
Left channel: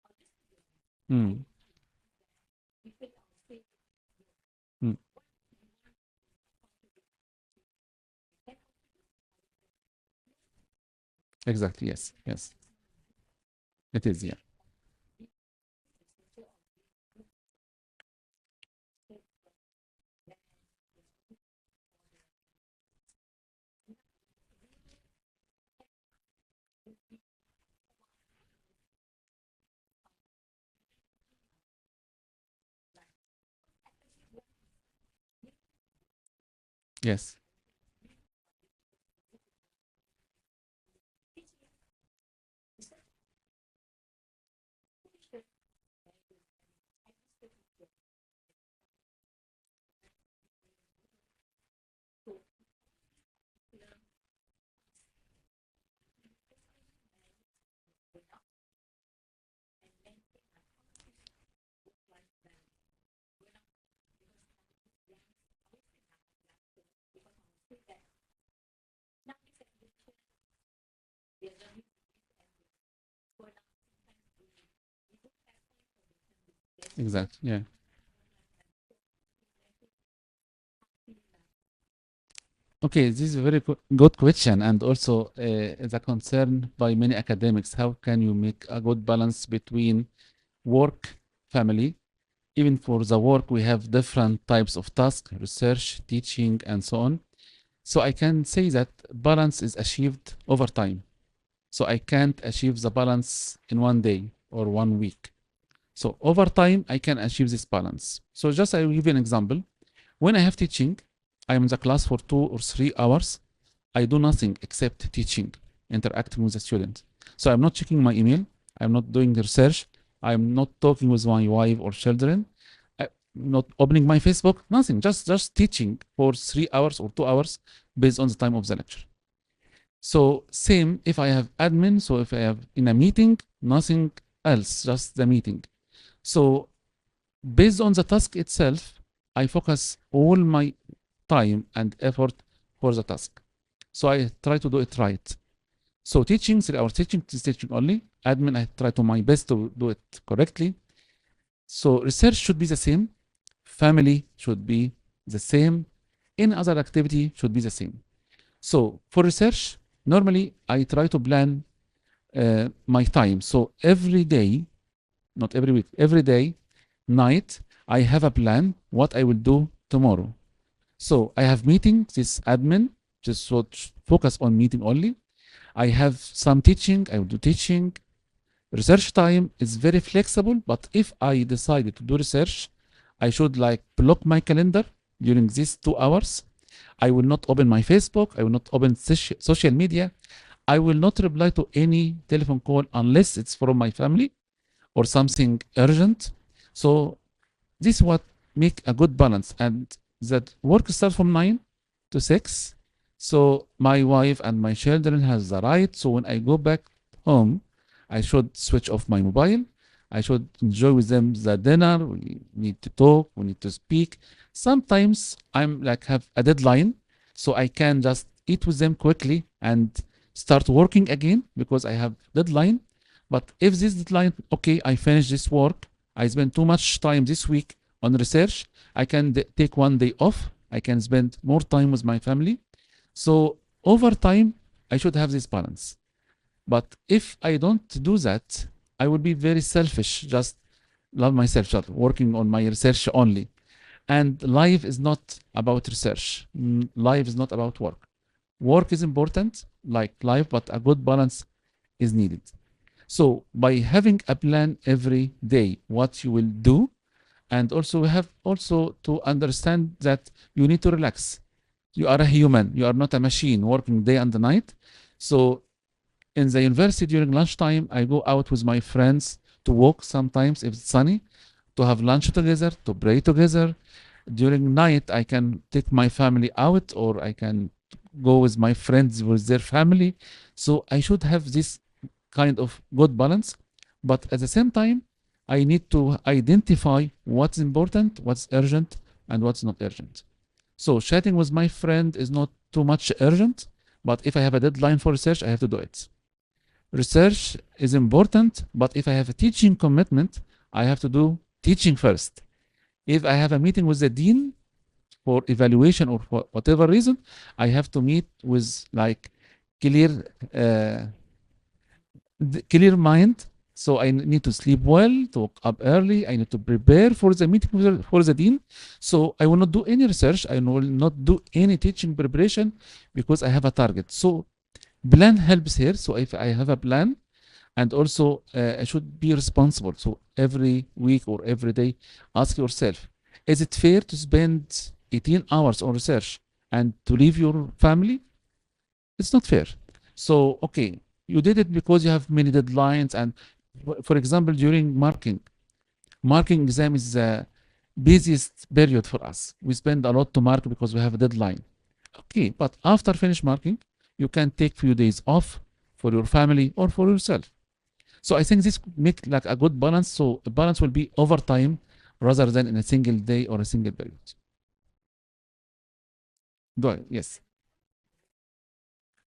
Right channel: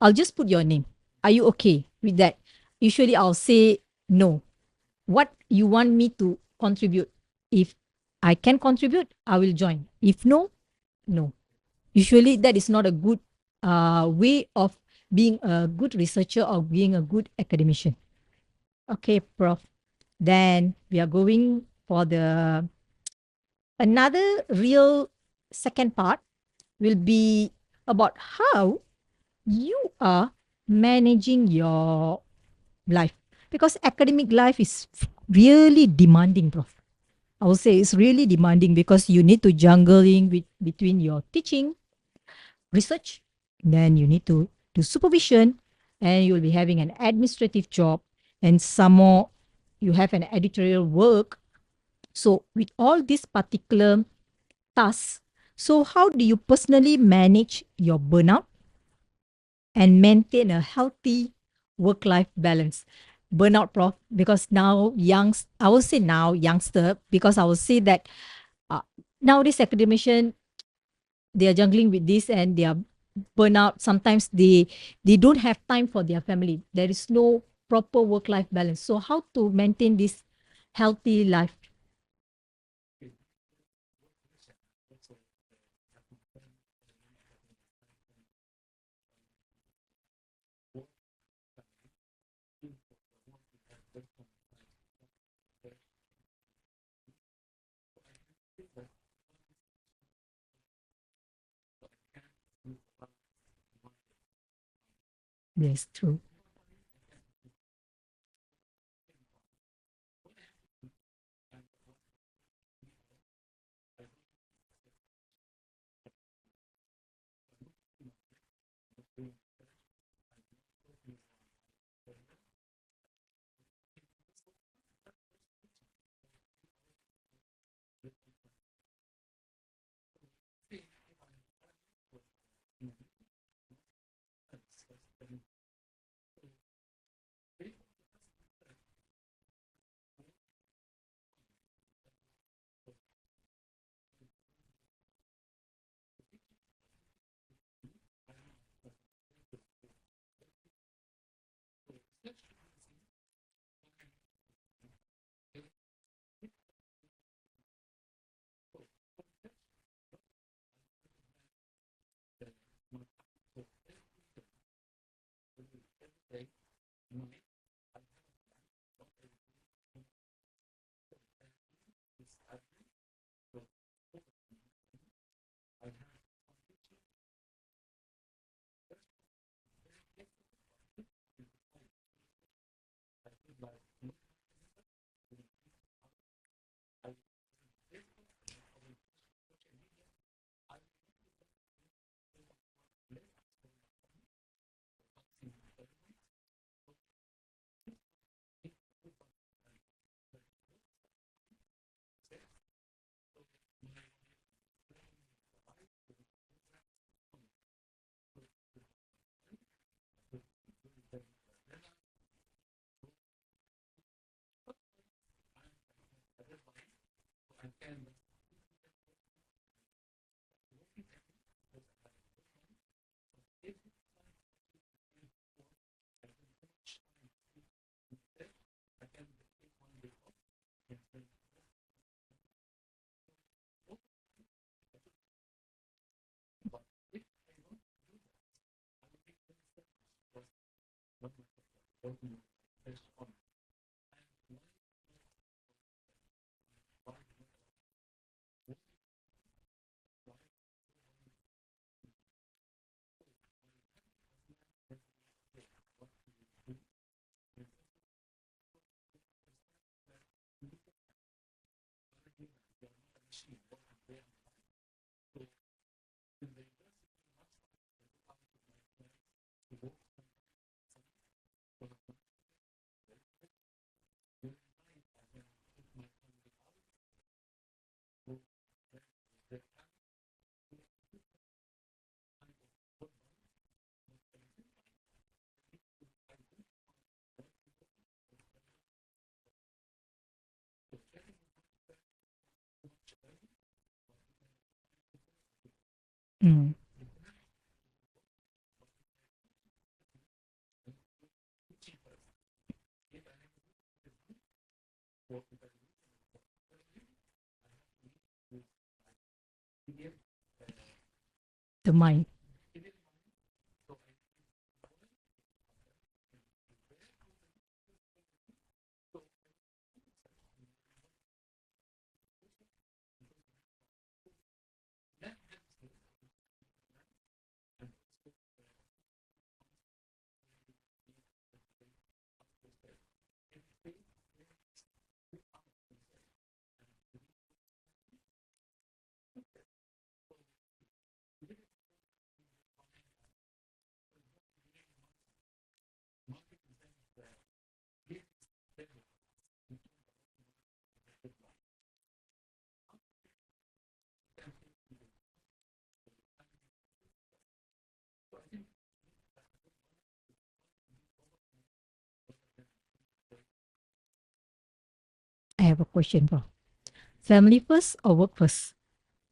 I'll just put your name. Are you okay with that? Usually I'll say no. What you want me to contribute? If I can contribute, I will join. If no, no. Exactly. Yes. Usually Yes. that is not a good It is, way of being a good researcher or being a good academician. Okay, Prof. Then we are going for the another real second part, will be about how you are managing your life, because academic life is really demanding, Prof. Yes. I would say it's really demanding, because you need to juggling with between your teaching, research, then you need to do supervision, and you will be having an administrative job, and some more you have an editorial work. So with all these particular tasks, so how do you personally manage your burnout and maintain a healthy work-life balance? Burnout, Prof, because now I will say now youngster, because I will say that nowadays academician, they are juggling with this and they are burnout. Sometimes they don't have time for their family. There is Exactly. no Yeah. proper work-life balance. So how to maintain this healthy life? Okay, this is a very good question, and also is a concern by many academics. How can you make a good balance between work, family? Even for the work, we have different types of tasks, research, teaching, and so on. So I can say that balance is achieved over time. So I can't achieve the balance in one day or 1 week. Yes, So true. over time, I can achieve this balance. So just I will give you an example. When I have teaching, I am in the class for 2 or 3 hours. I do nothing except teaching, interacting with the students. So I'm not checking my email. I'm not doing research. I'm not talking with my wife or children. I'm not opening my Facebook. Nothing. Just teaching for 3 hours or 2 hours based on the time of the lecture. So same if I have admin. So if I have in a meeting, nothing else, just the meeting. So based on the task itself, I focus all my time and effort for the task. So I try to do it right. So teaching, 3 hours teaching is teaching only. Admin, I try to my best to do it correctly. So research should be the same. Family should be the same. Any other activity should be the same. So for research, normally I try to plan my time. So every day, not every week, every day, night, I have a plan what I will do tomorrow. So I have meeting, this admin, just focus on meeting only. I have some teaching, I will do teaching. Research time is very flexible, but if I decided to do research, I should like block my calendar during these 2 hours. I will not open my Facebook. I will not open social media. I will not reply to any telephone call unless it's from my family or something urgent. So this is what make a good balance. And that work starts from 9 to 6. So my wife and my children has the right. So when I go back home, I should switch off my mobile. I should enjoy with them the dinner. We need to talk. We need to speak. Sometimes I'm like have a deadline, so I can just eat with them quickly and start working again because I have deadline. But if this deadline, okay, I finish this work, I spend too much time this week on research, I can take one day off. I can spend more time with my family. So over time, I should have this balance. But if I don't do that, I will be very selfish, just love myself, just working on my research only. And life is not about research. Life is not about work. Work is important, like life, but a good balance is needed. So by having a plan every day, what you will do, and also we have also to understand that you need to relax. You are a human. You are not a machine working day and night. So in the university during lunchtime, I go out with my friends to walk sometimes if it's sunny, to have lunch together, to pray together. During night, I can take my family out or I can go with my friends with their family. So I should have this kind of good balance. But at the same time, I need to identify what's important, what's urgent, and what's not urgent. So chatting with my friend is not too much urgent, but if I have a deadline for research, I have to do it. Research is important, but if I have a teaching commitment, I have to do teaching first. If I have a meeting with the dean for evaluation or for whatever reason, I have to meet with like clear clear mind. So I need to sleep well, to wake up early. I need to prepare for the meeting for the dean. So I will not do any research. I will not do any teaching preparation because I have a target. So plan helps here. So if I have a plan, and also I should be responsible. So every week or every day, ask yourself, is it fair to spend 18 hours on research and to leave your family? It's not fair. So, okay, you did it because you have many deadlines. And for example, during marking exam is the busiest period for us. We spend a lot to mark because we have a deadline. Okay, but after finish marking, you can take few days off for your family or for yourself. So I think this make like a good balance. So a balance will be over time rather than in a single day or a single period. I have a question, Prof. Go ahead. Yes. Family first or work first?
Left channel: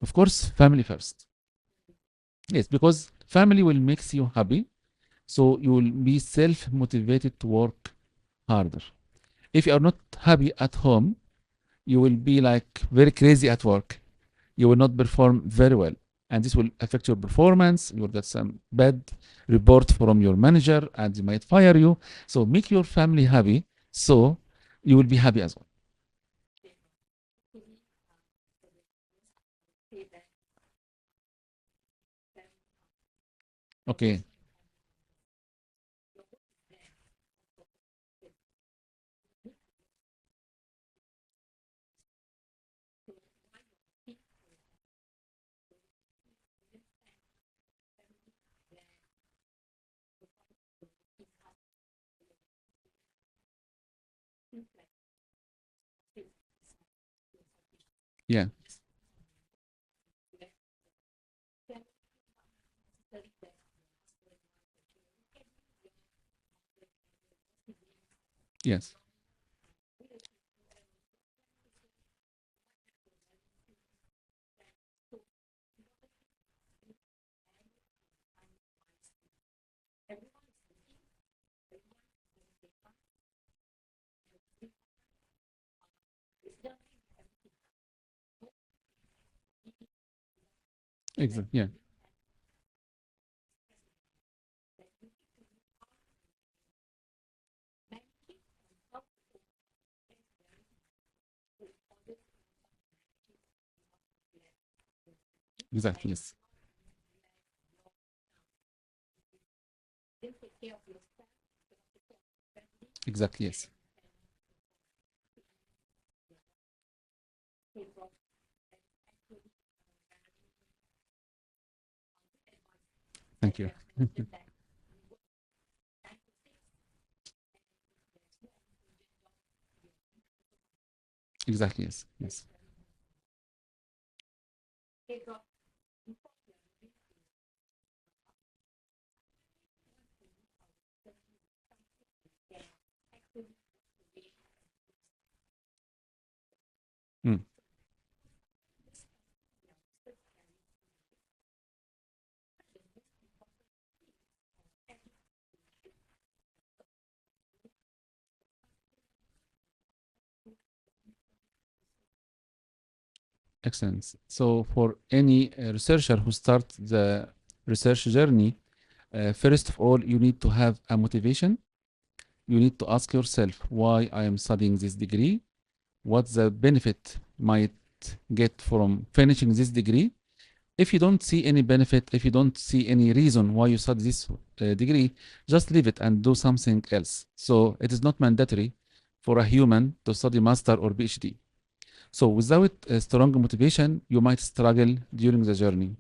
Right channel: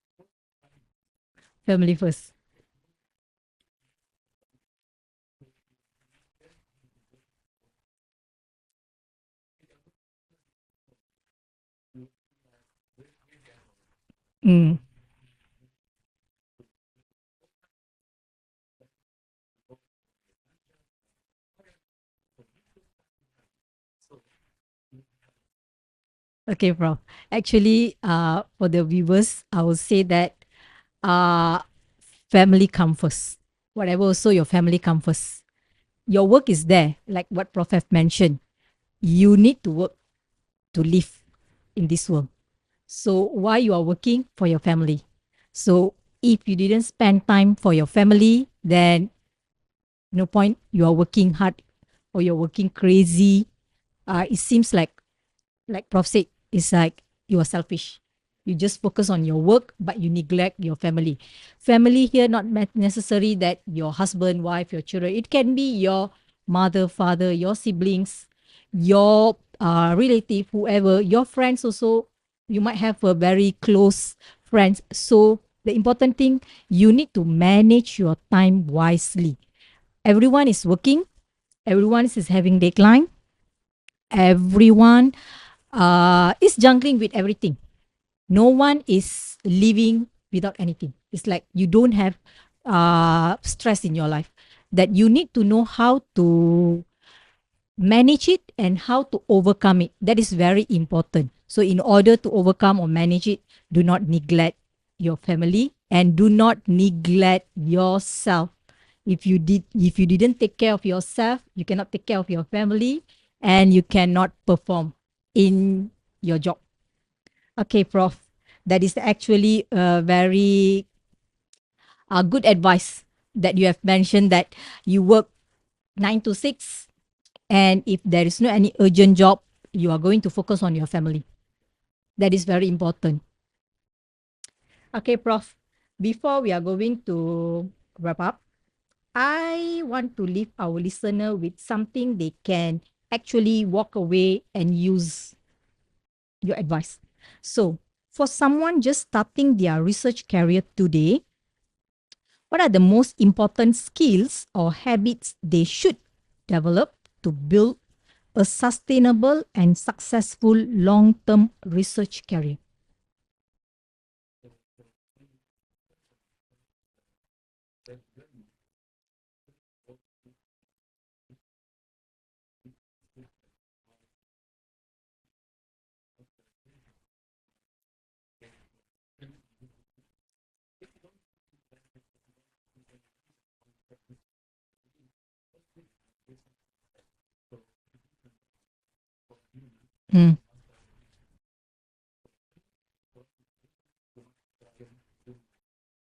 Of course, family first. Family first. Yes, because family will make you happy. So you will be self-motivated to work harder. If you are not happy at home, you will be like very crazy at work. You will not perform very well. And this will affect your performance. You will get some bad report from your manager and they might fire you. So make your family happy so you will be happy as well. Okay, Prof. Actually, for the viewers, I will say that family come first. Whatever Okay. also your family come first. Your work is there, like what Prof have mentioned. You need to work to live in this world. So why you are working? For your family. So if you didn't spend time for your family, then no point you are working hard or you're working crazy. It seems like Prof said, it's like you are selfish. Yeah. You just focus on your work, but you neglect your family. Family here not necessary that your husband, wife, your children. It can be your mother, father, your siblings, Yes. your relative, whoever, your friends also. You might have a very close friends. So the important thing, you need to manage your time wisely. Everyone is working. Everyone is having deadline. Everyone is juggling with everything. No one is living without anything. It's like Exactly, you yeah. don't have stress in your life. That you need to know how to manage it and how to overcome it. That is very important. So in order to overcome or manage it, do not neglect your family Exactly, and do yes. not neglect yourself. If you didn't take care of yourself, you cannot take care of your family, Exactly. and you cannot perform in your job. Okay, Prof. That is actually a very good advice that Thank you you. have mentioned, that you work 9 to 6, and if there is no any urgent job, you are going to focus on your family. Exactly. Yes. That Yes. is very important. Okay, Prof. Before we are going to wrap up, I want to leave our listener with something they can actually walk away and use your advice. Mm. So, for someone just starting their research career today, what are the most important skills or habits they should develop to build a sustainable and successful long-term research career? Excellent. So for any researcher who starts the research journey, first of all, you need to have a motivation. You need to ask yourself why I am studying this degree, what the benefit might get from finishing this degree. If you don't see any benefit, if you don't see any reason why you study this degree, just leave it and do something else. So it is not mandatory for a human to study master or PhD. So without a strong motivation, you might struggle during the journey.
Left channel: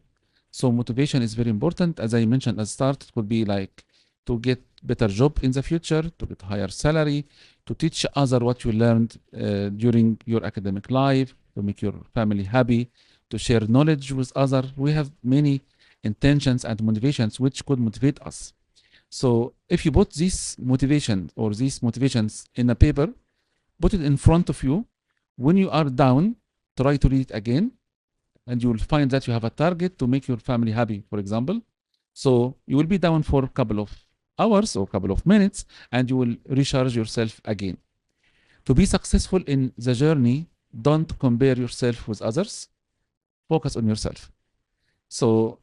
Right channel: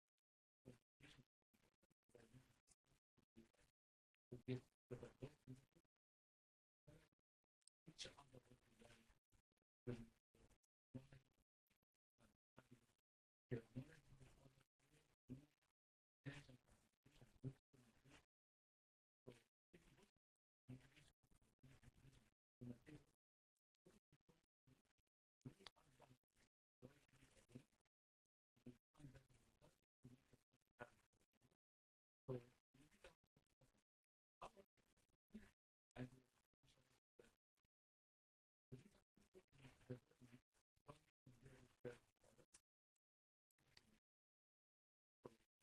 So motivation is very important. As I mentioned at the start, it could be like to get better job in the future, to get higher salary, to teach other what you learned during your academic life, to make your family happy, to share knowledge with others. We have many intentions and motivations which could motivate us. So if you put this motivation or these motivations in a paper, put it in front of you. When you are down, try to read it again, and you will find that you have a target to make your family happy, for example. So you will be down for a couple of hours or a couple of minutes, and you will recharge yourself again. To be successful in the journey, don't compare yourself with others. Focus on yourself. So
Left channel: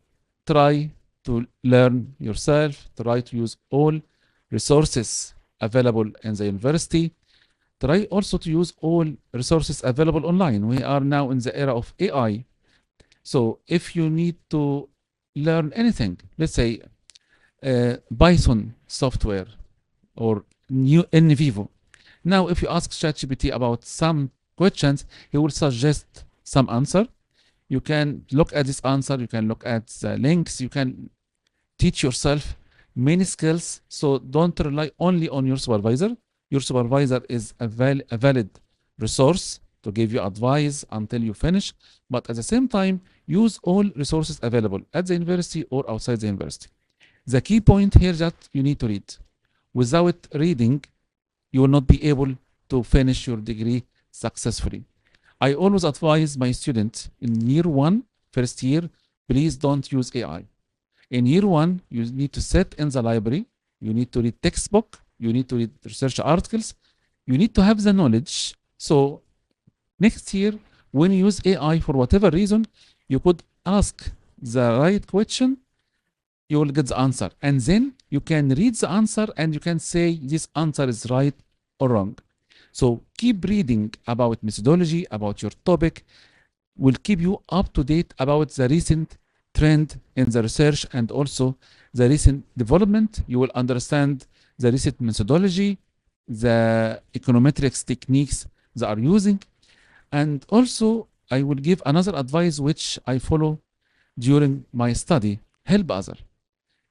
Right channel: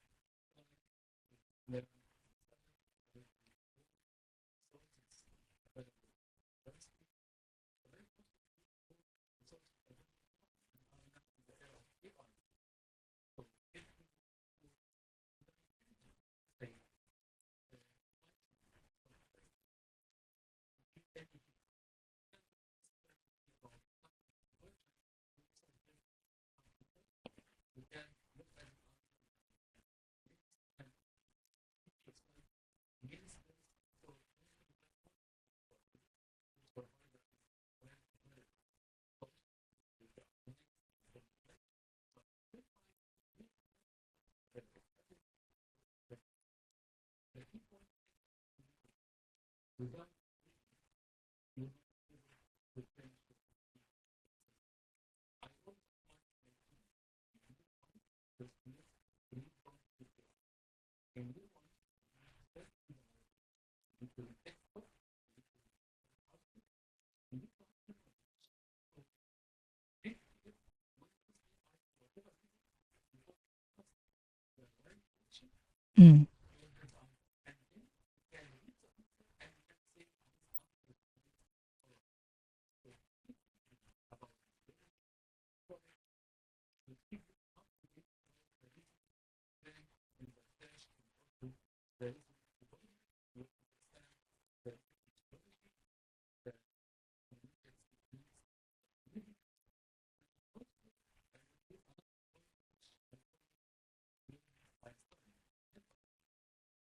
try to learn yourself, try to use all resources available in the university. Try also to use all resources available online. We are now in the era of AI. So if you need to learn anything, let's say Python software or new in Vivo. Now, if you ask ChatGPT about some questions, he will suggest some answer. You can look at this answer, you can look at the links, you can teach yourself many skills. So don't rely only on your supervisor. Your supervisor is a valid resource to give you advice until you finish, but at the same time, use all resources available at the university or outside the university. The key point here is that you need to read. Without reading, you will not be able to finish your degree successfully. I always advise my students in year one, first year, please don't use AI. In year one, you need to sit in the library, you need to read textbook, you need to read research articles, you need to have the knowledge. So next year, when you use AI for whatever reason, you could ask the right question, you will get the answer. And then you can read the answer and you can say this answer is right or wrong. So keep reading about methodology, about your topic, will keep you up to date about the recent trend in the research and also the recent development. You will understand the recent methodology, the econometrics techniques they are using. And also, I will give another advice which I follow during my study. Help others.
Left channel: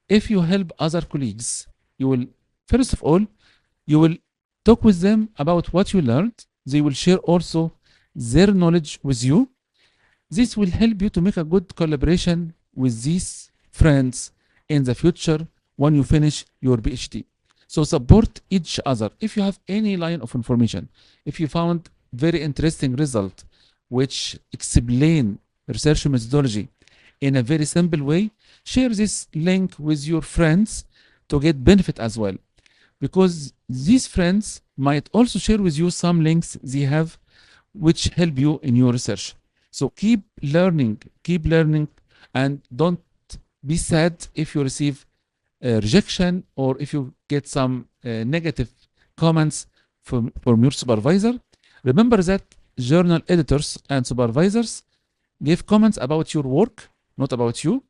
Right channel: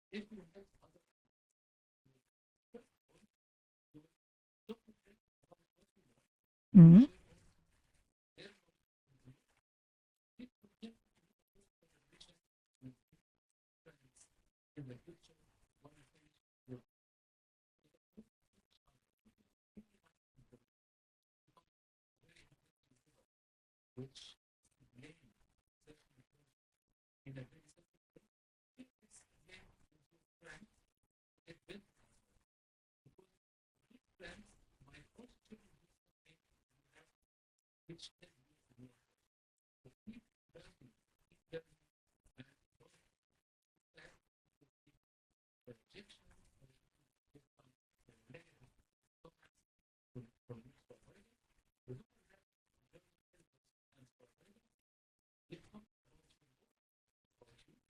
If you help other colleagues, you will, first of all, you will talk with them about what you learned. They will share also their knowledge with you. This will help you to make a good collaboration with these friends in the future when you finish your PhD. So support each other. If you have any line of information, if you found very interesting result which explain research methodology in a very simple way, share this link with your friends to get benefit as well. Because these friends might also share with you some links they have which help you in your research. So keep learning, and don't be sad if you receive rejection or if you get some negative comments from your supervisor. Remember that journal editors and supervisors give comments about your work, not about you.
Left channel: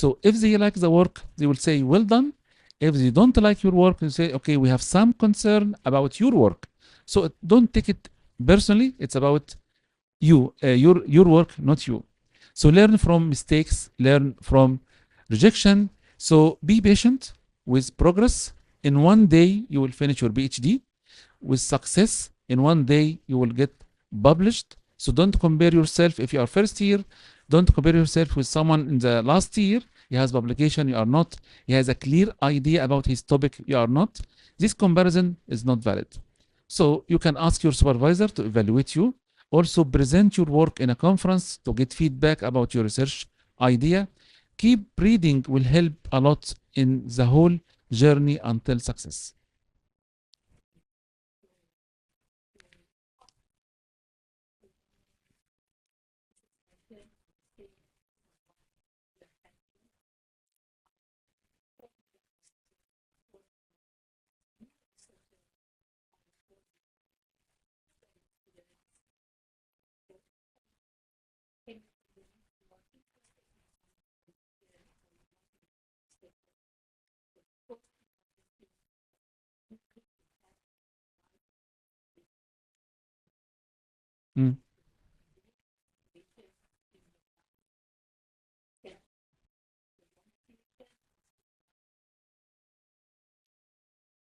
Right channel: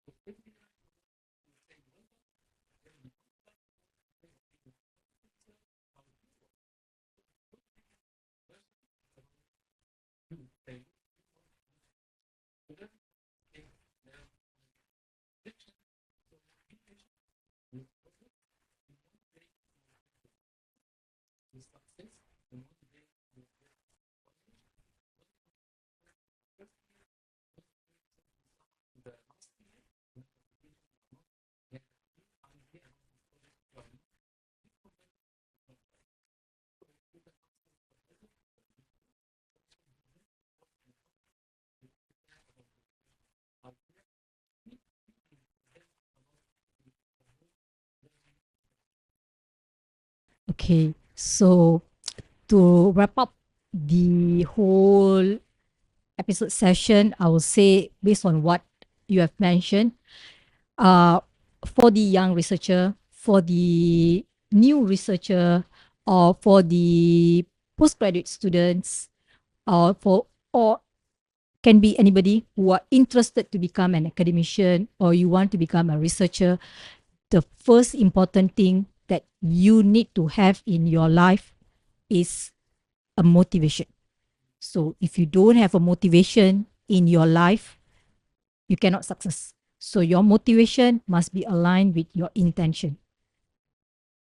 So if they like the work, they will say, well done. If they don't like your work, they say, okay, we have some concern about your work. So don't take it personally. It's about you, your work, not you. So learn from mistakes, learn from rejection. So be patient with progress. In one day, you will finish your PhD. With success, in one day, you will get published. So don't compare yourself if you are first year. Don't compare yourself with someone in the last year. He has publication, you are not. He has a clear idea about his topic, you are not. This comparison is not valid. So you can ask your supervisor to evaluate you. Also present your work in a conference to get feedback about your research idea. Keep reading will help a lot in the whole journey until success. Okay, so to wrap up the whole episode session, I will say, based on what you have mentioned, for the young researcher, for the new researcher, or for the postgraduate students, or can be anybody who are interested to become an academician or you want to become a researcher, the first important thing that you need to have in your life is a motivation. So if you don't have a motivation in your life, you cannot success. So your motivation must be aligned with your intention.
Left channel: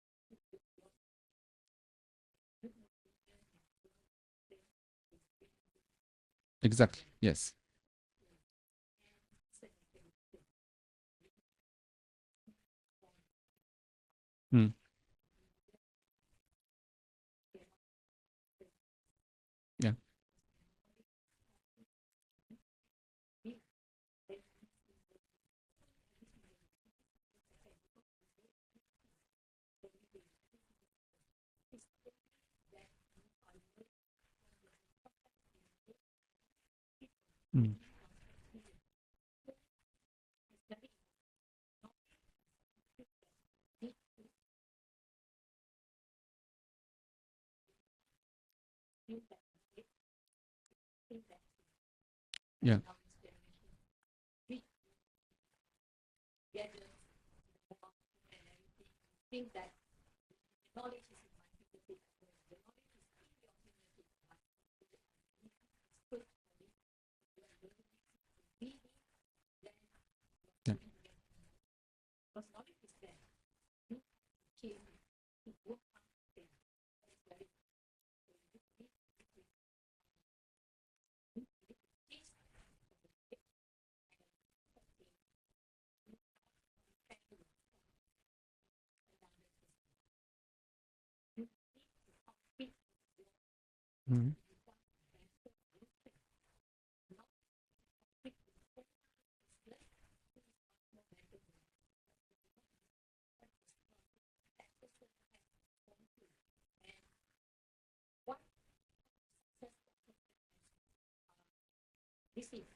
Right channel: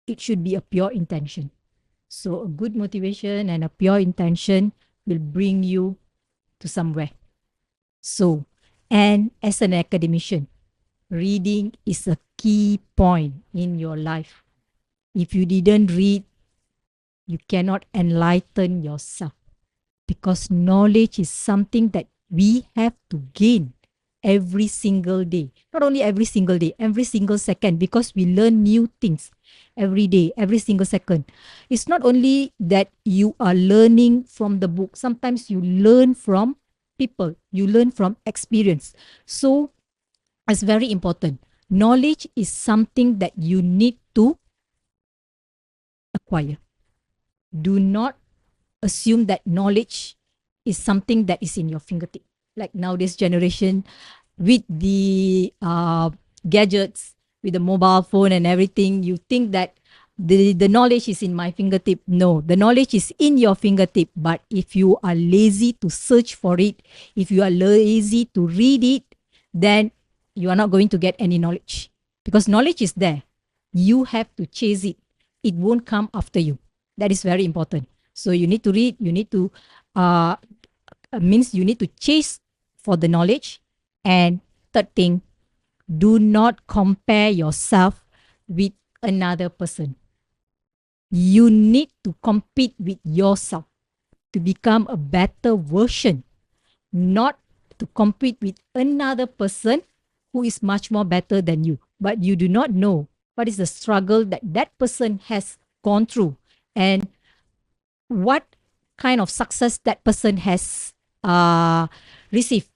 It should be a pure intention. So a good motivation and a pure intention will bring you to somewhere. Yes. So, and as an academician, reading is a key point in your life. If you didn't read, you cannot enlighten yourself. Yeah. Because knowledge is something that we have to gain every single day. Not only every single day, every single second, because we learn new things every day, every single second. It's not only that you are learning from the book. Sometimes you learn from people. You learn from experience. So it's very important. Knowledge is something that you need to acquire. Do not assume that knowledge is something that is in your fingertip. Like nowadays generation, with the gadgets, with the mobile phone and everything, you think that the knowledge is in my fingertip. No, the knowledge is in your fingertip. But if you are lazy to search for it, if you are lazy to read it, then you are not going to get any knowledge. Because knowledge is there. You have to chase it. It won't come after you. That is very important. So you need to read, you need to, means you need to chase for the knowledge. And third thing, do not compare yourself with another person. You need to compete with yourself to become a better version, not to compete with another person who is much more better than you. But you do not know what is the struggle that that person has gone through and what kind of success that person has received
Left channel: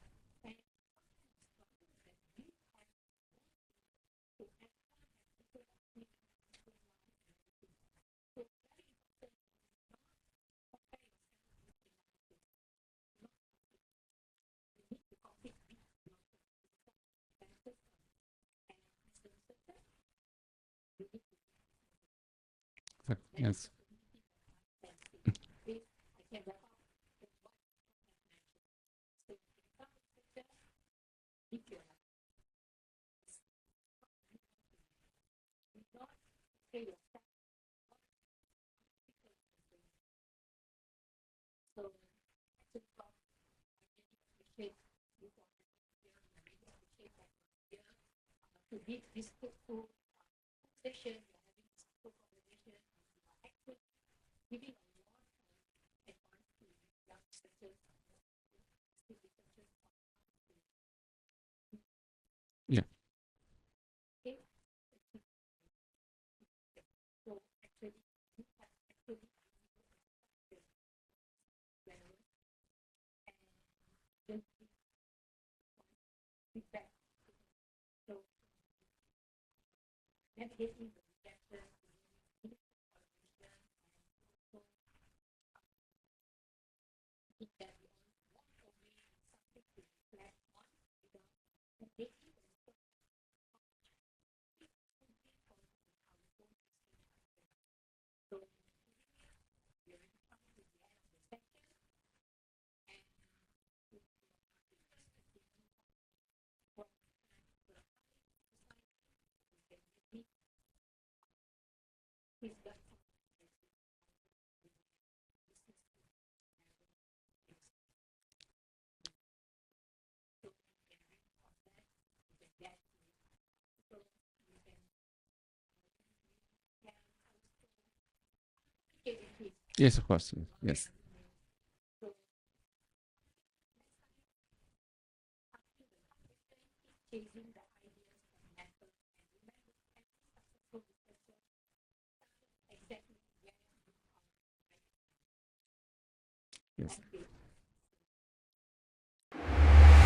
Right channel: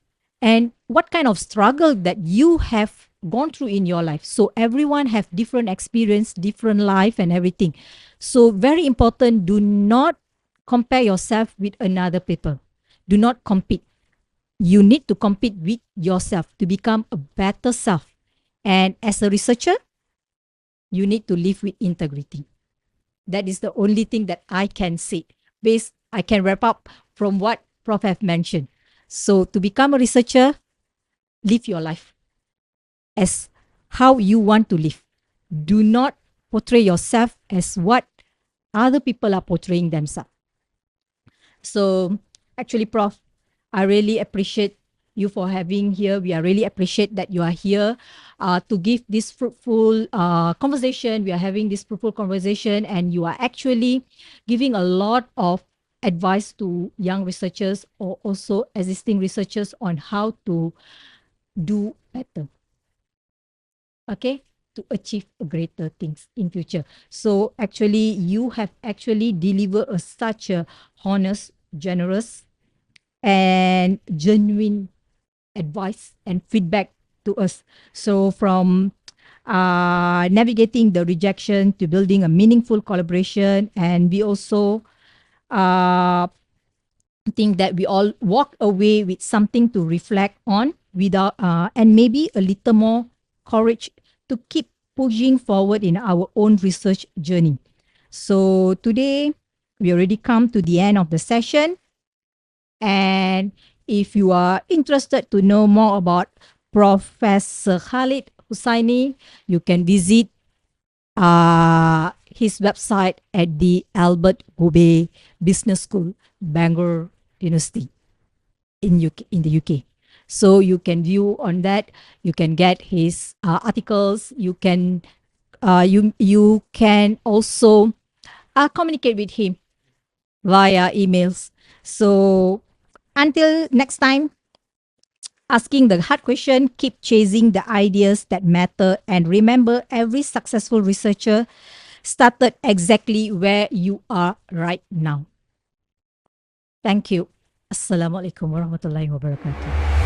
and what kind of struggle that you have gone through in your life. So everyone have different experience, different life and everything. So very important, do not compare yourself with another people. Do not compete. You need to compete with yourself to become a better self. And as a researcher, you need to live with integrity. That is the only thing that I can say. I can wrap up from what Prof have mentioned. So to become a researcher, live your life as how you want to live. Do not portray yourself as what other people are portraying themselves. So actually, Prof, I really appreciate you for having here. We are really appreciate that you are here to give this fruitful conversation. We are having this fruitful conversation and you are actually giving a lot of advice to young researchers or also existing researchers on how to do better. Yeah. Okay, to achieve greater things in future. So actually, you have actually delivered such a honest, generous, and genuine advice and feedback to us. So from navigating the rejection to building a meaningful collaboration, and we also think that we all walk away with something to reflect on and maybe a little more courage to keep pushing forward in our own research journey. So today we already come to the end of the session, and if you are interested to know more about Professor Khaled Hussainey, you can visit his website at the Albert Gobe Business School, Bangor University in the UK. So you can view on that. You can get his articles. You can also communicate with him Yes, of course. via Yes. emails. So until next time, asking the hard question, keep chasing the ideas that matter, and remember, every successful researcher started exactly where you are right now. Yes. Thank you. Assalamualaikum warahmatullahi wabarakatuh.